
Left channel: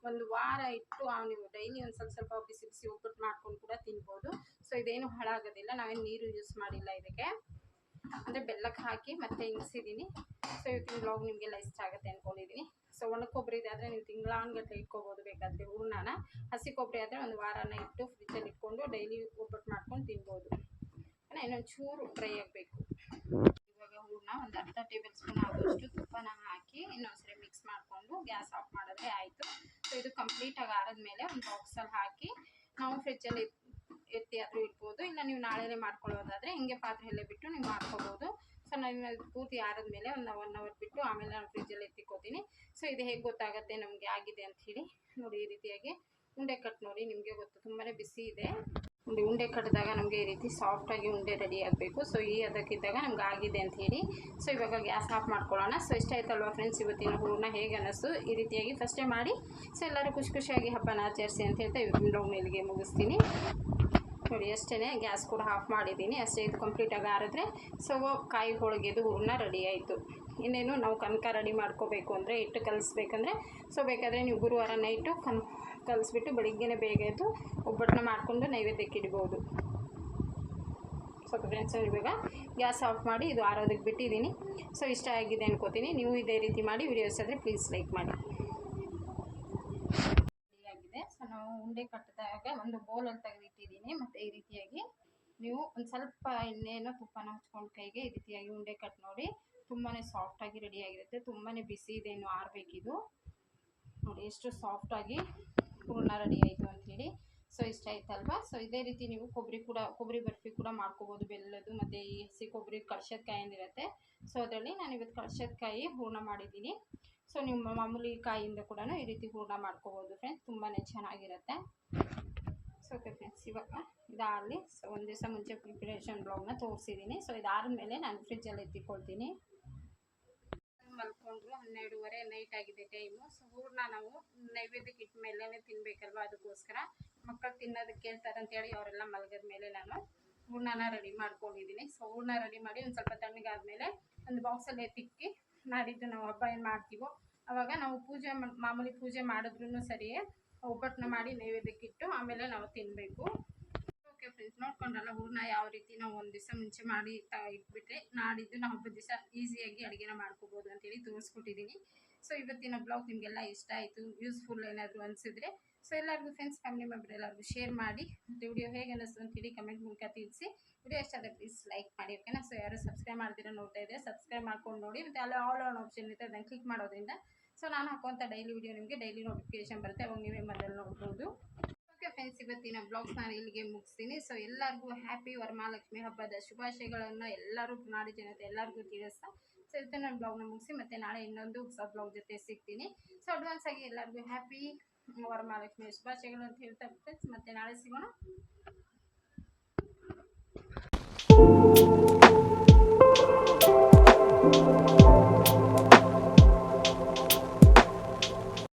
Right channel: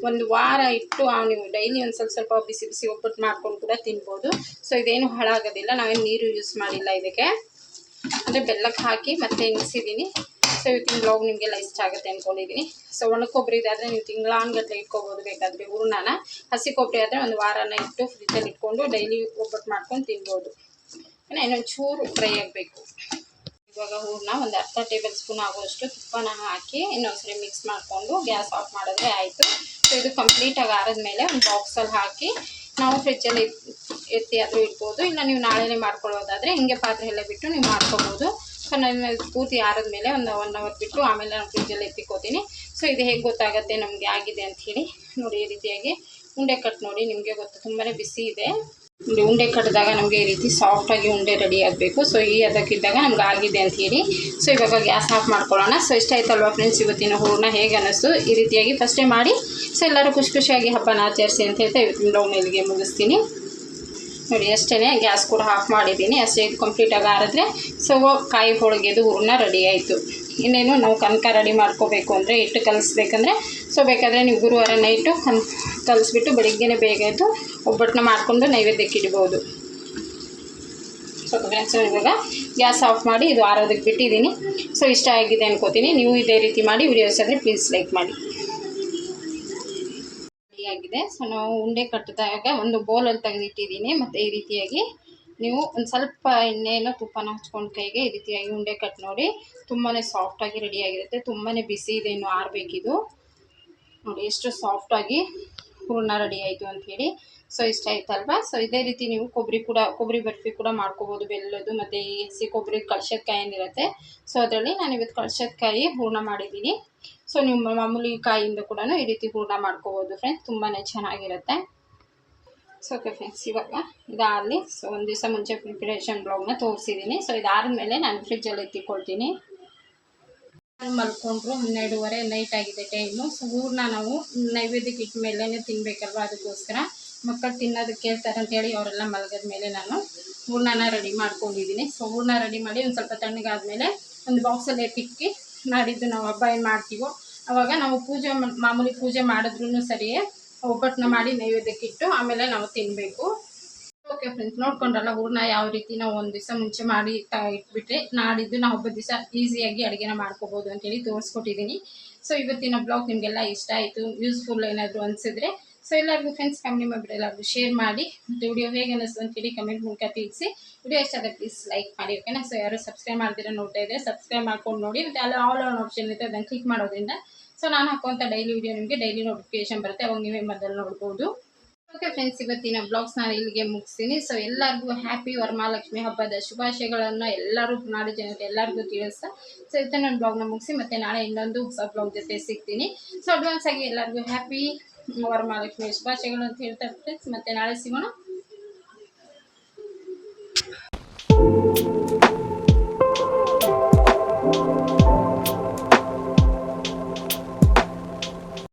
Speaker 1: ಒಂದು ವಾರ ಇಟ್ಟು ಆ ನೀವು ಡೈಲಿ ಒಂದು ಸ್ವಲ್ಪ ಸ್ವಲ್ಪ ಬಿಸಿ ಬಿಸಿ ಒಬ್ಬಟ್ಟು ಮಾಡ್ಕೊಂಡು ಕೂಡ ತಿನ್ಬೋದು. ಸೊ ಇದೇನು ಹಾಳಾಗೋದಿಲ್ಲ. ನಾವೇನು ನೀರು ಯೂಸ್ ಮಾಡಿಲ್ಲ ಇದಕ್ಕೆ. ಅಂದರೆ ಬೆಲ್ಲಕ್ಕೆ ಹಾಕಿ ಮತ್ತೆ ಇಳಿಸಿದ್ದೀನಿ ಸೊ ಇವತ್ತಿನ ಬ್ಲಾಗ್ ನಿಮಗೆಲ್ಲ ಇಷ್ಟ ಆಗುತ್ತೆ ಅಂದ್ಕೊಂಡಿದ್ದೀನಿ ಸೊ ಒಣ ಕೊಬ್ಬರಿ ಇದಾದರೆ ನೀವು ತಿಂಗಳಾನ್ಗಟ್ಟಲೆ ಇಟ್ಕೋಬೋದು ಬೇಕಾದರೆ ಹೂರ್ಣನ. ಹಸಿ ಕೊಬ್ಬರಿ ಆದರೆ ಒಂದು ವಾರನ ಇಟ್ಟು ಫ್ರಿಜ್ಜಲ್ಲಿ ಇಟ್ಕೊಂಡು ಡೈಲಿ ಒಬ್ಬಟ್ಟು ಮಾಡ್ಕೊಂಡು ತಿನ್ಬೋದು. ಇನ್ನು ಇನ್ನೊಂದು ಚೂರು ಫ್ರೈ ಆಗಬೇಕು. ಇವಾಗ ಹೂರ್ಣ ಒಂದು ಅರ್ಧ ಟೇಬಲ್ ಸ್ಪೂನ್ ಆಗುವಷ್ಟು ತುಪ್ಪನ ಹಾಕಿ ಇನ್ನೊಂದ್ಸರಿ ಮಿಕ್ಸ್ ಮಾಡಿಕೊಂಡು ಗ್ಯಾಸ್ ಆಫ್ ಮಾಡಿದ್ರೆ ಆಯಿತು. ಸೊ ಇದು ಕಂಪ್ಲೀಟಾಗಿ ಆರಿದ್ಮೇಲೆ ಒಂದು ಬಾಕ್ಸಲ್ಲಿ ಹಾಕಿ ನಾವು ಫ್ರಿಜ್ಜಲ್ಲಿ ಎತ್ತಿ ಆದರೂ ಇಡ್ಬೋದು. ಇಲ್ಲ ನೀವು ನಾಳೆನೇ ಮಾಡ್ಕೊಳ್ಳೋದಾದರೆ ಹಿಂಗೆ ಪಾತ್ರೆ ಎಲ್ಲ ಬಿಟ್ಟು ನೀವು ಮಾಡ್ಕೋಬೋದು. ಸೊ ನಾನು ಪೂರ್ತಿ ಆರಿದ್ಮೇಲೆ ಒಂದು ಒನ್ ಅವರ್ ಬಿಟ್ಟು ಆಮೇಲೆ ನಾನು ಫ್ರಿಜ್ಜಲ್ಲಿ ಎತ್ತಿಕೋತೀನಿ ಸೊ ಇದು ಹೇಗೆ ಗೊತ್ತಾಗುತ್ತೆ ನಮಗೆ ಆಗಿದೆ ಅಂತ ಹೇಳಿ ನೋಡಿ ಈ ರೀತಿಯಾಗಿ. ಉಂಡೆ ಕಟ್ ನೋಡಿ, ನಿಮಗೆ ಗೊತ್ತು ತುಂಬಾ ಬಿಸಿ ಇದೆ. ಉಂಡೆ ಕಟ್ಟಿದಾಗ ನಮಗೆ ಈ ರೀತಿ ಸಾಫ್ಟಾಗಿ ಉಂಡೆ ರೆಡಿ ಆಗಬೇಕು. ಸೊ ಈ ಅದಕ್ಕಿದ್ದಾಗ ನಮ್ಗೆ ಆಗಿದೆ ಅಂತ ಹೇಳಿ. ಸೊ ಇವಾಗ ಗ್ಯಾಸ್ ಆಫ್ ಮಾಡ್ಕೊಳ್ಳೋಣ. ಸೊ ಇಷ್ಟ ಆಯ್ತಲ್ವಾ ಫ್ರೆಂಡ್ಸ್ ಇವತ್ತಿನ ಹೂರ್ಣ ಹೇಗೆ ಅನ್ನಿಸ್ತು? ಈ ರೀತಿಯಾಗಿ ಫಸ್ಟೇ ಮಾಡಿ. ಸೊ ಎಲ್ಲರೂ ಖುಷಿ ಖುಷಿಯಾಗಿ ಹಬ್ಬನ ಆಚರಿಸಿ ಅಂತ ಹೇಳ್ತಾ ಇವತ್ತಿನ ಡೌನ್ ಇಲ್ಲಿಗೆ ಮುಗಿಸ್ತೀನಿ. ನೋಡಿ ಅಷ್ಟೇ ಗ್ಯಾಸ್ ಕೂಡ ಆಫ್ ಮಾಡಿದ್ದೀನಿ. ಅಷ್ಟೇ ಇದು ಕಂಪ್ಲೀಟಾಗಿ ಆರಿದ್ರೆ ಸೊ ಕಾಯಿ ಹೋಳಿಗೆದು ಹೂರಣ ರೆಡಿ ಆಯಿತು. ಇನ್ನೇನು ನಾವು ಕನಕ ರೆಡಿ ಮಾಡ್ಕೋಬೇಕು ಅಂದರೆ ಹಿಟ್ಟು ಕಲಿಸ್ಬೇಕಂದ್ರೆ ಸೊ ಬೇಕಾದರೆ ನೀವು ಗುರುವಾರ ನೈಟು ಕನ್, ಕಲಿಸ್ಬಿಟ್ಟು ಬೆಳಿಗ್ಗೆನೇ ಬೇಗ ಎದ್ದು ಒಬ್ಬಟ್ಟನ್ನ ಮಾಡಿಕೊಂಡು ನೈವೇದ್ಯಕ್ಕೆ ಇಡ್ಬೋದು. ಸೊ ಫ್ರೆಂಡ್ಸ್ ಇವಾಗ ಗ್ಯಾಸ್ ಆಫ್ ಮಾಡಿ ಇದು ಆರೋದಕ್ಕೆ ಬಿಟ್ಟಿದ್ದೀನಿ. ಸೊ ಇಷ್ಟ ಆಗಿದೆ ಅನ್ಕೋತೀನಿ. ನೀವು ಇದೇ ರೀತಿ ಮಾಡಿ ವಿಡಿಯೋಸ್ ಆದರೆ ಪ್ಲೀಸ್ ಲೈಕ್ ಮಾಡಿ. ಆಗಿದೆ ಸೊ ನಾವು ಉಂಡೆ ಕಟ್ಟಿದಾಗ ಒಂದು ಬೌಲಲ್ಲಿ ತೆಗೆದಿಟ್ಟಿದ್ದೀನಿ. ಮತ್ತು ಈ ರೀತಿಯಾಗಿ ನೀವು ಒಂದು ಸ್ವಲ್ಪ ಎಣ್ಣೆಯನ್ನು ತುಪ್ಪನ ಹಚ್ಕೊಂಡು ಕೈಗೆ ಈ ರೀತಿಯಾಗಿ ಉಂಡೆ ಕಟ್ ನೋಡಿ. ತುಂಬಾ ಸಾಫ್ಟಾಗಿ ರೆಡಿಯಾಗಿರುತ್ತೆ ತುಂಬಾ ಬಿಸಿ ಇದೆ, ಇನ್ನು ಆರಬೇಕಿದು. ನೋಡಿ, ಎಷ್ಟು ಸಾಫ್ಟಾಗಿ ಹೂರ್ಣ ರೆಡಿ ಆಯಿತು ಅಂಥೇಳಿ ಸೊ ಇಷ್ಟ ಆಯ್ತಲ್ವಾ? ಸೊ ಇದೇ ರೀತಿ ನೀವು ಕೊಬ್ಬರಿ ಕೂಡ, ಕೊಬ್ಬರಿ ಬರ್ಫಿ ಕೂಡ ಮಾಡ್ಕೋಬೋದು ಬೆಲ್ಲದು ಮತ್ತು ಈ ಹಸಿ ಕೊಬ್ಬರಿ ಕಾಯಿ ಏನಿರುತ್ತೆ. ಸೊ ಅದರಲ್ಲಿ ನಾನು ಇವತ್ತು ಕಳ್ಸೋದ್ಕಾಯಿ ಹೂರ್ಣ ಮಾಡಿದ್ದೀನಿ. ಸೊ ನೀವು ಮಾಮೂಲಿ ಕಾಯಿಯಿಂದ ಕೂಡ ಈ ರೀತಿ ಹೂರ್ಣ ಮಾಡ್ಕೋಬೋದು ಫ್ರೆಂಡ್ಸ್ ತುಂಬಾ ಚೆನ್ನಾಗಿರುತ್ತೆ. ಸೊ ಓಕೆ ಫ್ರೆಂಡ್ಸ್ ಇವಾಗ ಇದಾಗಲಿ. ಸೊ ಒಂದು ದಿವಸ ಮುಂಚೆ ಪ್ರಿಪ್ರೇಷನ್ ಬ್ಲಾಗ್ನ ತೋರಿಸಿದ್ದೀನಿ ಸೊ ಇದಾದ್ಮೇಲೆ ನಾನು ಫ್ರಿಜ್ಜಲ್ಲಿ ಎತ್ತಿಕೊಳ್ತೀನಿ ಮಲ್ಕೊಂಡ್ರು ಹನ್ನೆರಡುವರೆ ನೈಟ್ ಆಗಿದೆ ಟೈಮು ಸೊ ಹೂರ್ಣ ನಾವು ನೈವೇದ್ಯಕ್ಕೆ ಇಟ್ಟ ಮೇಲೇ ತಿನ್ನಬೇಕಲ್ವ ಅದಕ್ಕೋಸ್ಕರ. ಮಕ್ಕಳು ತಿನ್ನೋದಕ್ಕೆ ಕೇಳ್ತಾರೆ ಅಂತೇಳಿ ಅವರೆಲ್ಲ ಮಲಗದ ಮೇಲೆ ನಾನು ಹೂರ್ಣನ ರೆಡಿ ಮಾಡ್ಕೊಂಡಿದ್ದೀನಿ ಸೊ ಹೂರ್ಣ ರೆಡಿ ಮಾಡಿ ಒಂದು ಸ್ವಲ್ಪ ತಣ್ಣಗಾದ್ಮೇಲೆ ಒಂದು ಬಾಕ್ಸಲ್ಲಿ ಎತ್ತಿಕ್ಕಿ ನಾಡಿದ್ದು ನಾವು ಹಬ್ಬ ಏನು ಮಾಡ್ತೀವೋ ಅವಾಗ ನಾವು ಪೂಜೆ ಮಾಮೂಲಿ ಪೂಜೆ ಮಾಡಿದ್ರೂ ಸರಿಯೇ ಒಬ್ಬಟ್ಟನ್ನ ಮಾಡಿ ನೈವೇದ್ಯಕ್ಕಿಟ್ಟು ಆಮೇಲೆ ನಾವು ತಿನ್ನಬೇಕು ಓಕೆ ಫ್ರೆಂಡ್ಸ್ ನೋಡ್ಕೊಂಡ್ರಲ್ಲ ಹೂರ್ಣ ಯಾವ ರೀತಿ ನಾವು ಒಂದು ದಿವಸ ಮುಂಚೆ ಮಾಡಿ ಇಟ್ಬಿಟ್ರೆ, ನಾಡಿದ್ದು ನಾವು ಒಬ್ಬ ದಿವಸ ಈಸಿಯಾಗಿ ಅಡುಗೆನ ಮಾಡ್ಕೋಬೋದು ಅಂತೇಳಿ ತೋರಿಸ್ಕೊಟ್ಟಿದ್ದೀನಿ ಸೊ ಇವತ್ತಿನ ಬ್ಲಾಗ್ ನಿಮಗೆಲ್ಲ ಇಷ್ಟ ಆಯಿತು ಯೂಸ್ಫುಲ್ ಏನಾದರೂ ಅನಿಸಿದ್ರೆ ಸೊ ಎಲ್ಲರಿಗೂ ಫ್ರೆಂಡ್ಸ್ ಫ್ಯಾಮಿಲಿ ಮೆಂಬರ್ ಎಲ್ಲರಿಗೂ ಶೇರ್ ಮಾಡಿ. ಮತ್ತು ವಿಡಿಯೋ ಹೇಗೆ ಅನ್ನಿಸ್ತು ಅಂತೇಳಿ ಕಮೆಂಟ್ ಮೂಲಕ ತಿಳಿಸಿ. ವಿಡಿಯೋ ಇಷ್ಟ ಆದರೆ ಪ್ಲೀಸ್ ಲೈಕ್ ಮಾಡಿ ಓಕೆನಾ ಸೊ ಯಾರು ಸಬ್ಸ್ಕ್ರೈಬ್ ಮಾಡ್ತೀರಾ ನೋಡ್ತಾ ಇದ್ದರೆ ಸಬ್ಸ್ಕ್ರೈಬ್ ಮಾಡ್ಕೊಂಡು ನೋಡಿ. ಮತ್ತು ಅಲ್ಲಿ ಆಲ್ ಆನ್ ಆಪ್ಷನ್ ಇರುತ್ತೆ, ಅದನ್ನು ಕ್ಲಿಕ್ ಮಾಡೋದ್ರಿಂದ. ಸೊ ನಾನು ಹಾಕುವಂಥ ಡೈಲಿ ವಿಡಿಯೋ ನಿಮಗೆ ಡೈಲಿ ನೋಟಿಫಿಕೇಶನ್ ಬರುತ್ತೆ, ಅವಾಗ ನೀವೇ ಮೊದಲು ನೋಡ್ಬೋದು. ಓಕೆ ಫ್ರೆಂಡ್ಸ್ ಇವತ್ತಿನ ಬ್ಲಾಗ್ಸ್ ನಾನು ಇಲ್ಲಿಗೆ ಮುಗಿಸ್ತೀನಿ. ಸೊ ಎಲ್ಲರಿಗೂ ಹ್ಯಾಪಿ ವರಮಹಾಲಕ್ಷ್ಮಿ ಹಬ್ಬದ ಶುಭಾಶಯಗಳನ್ನು ಎಲ್ಲರೂ ನಾಡು ಜನತೆ ಎಲ್ಲರಿಗೂ ತಿಳಿಸ್ತಾ. ಸೊ ಇವತ್ತು ನನ್ನ ಬ್ಲಾಗ್ನ ಮುಗಿಸಿ ಮತ್ತೆ ನಾಳೆ ಇನ್ನೊಂದು ಹೊಸ ಬ್ಲಾಗ್ ಜೊತೆ ಸಿಗ್ತೀನಿ. ಸೊ ಅಡ್ವಾನ್ಸ್ ಆಗಿ ಎಲ್ಲರಿಗೂ ಹ್ಯಾಪಿ ವರಮಹಾಲಕ್ಷ್ಮಿ ಶುಭಾಶಯಗಳು ಅಂತ ಹೇಳ್ತಾ ಇರ್ತೀವಿ. ಮತ್ತೆ ನಾಳೆ ಸಿಗೋಣ.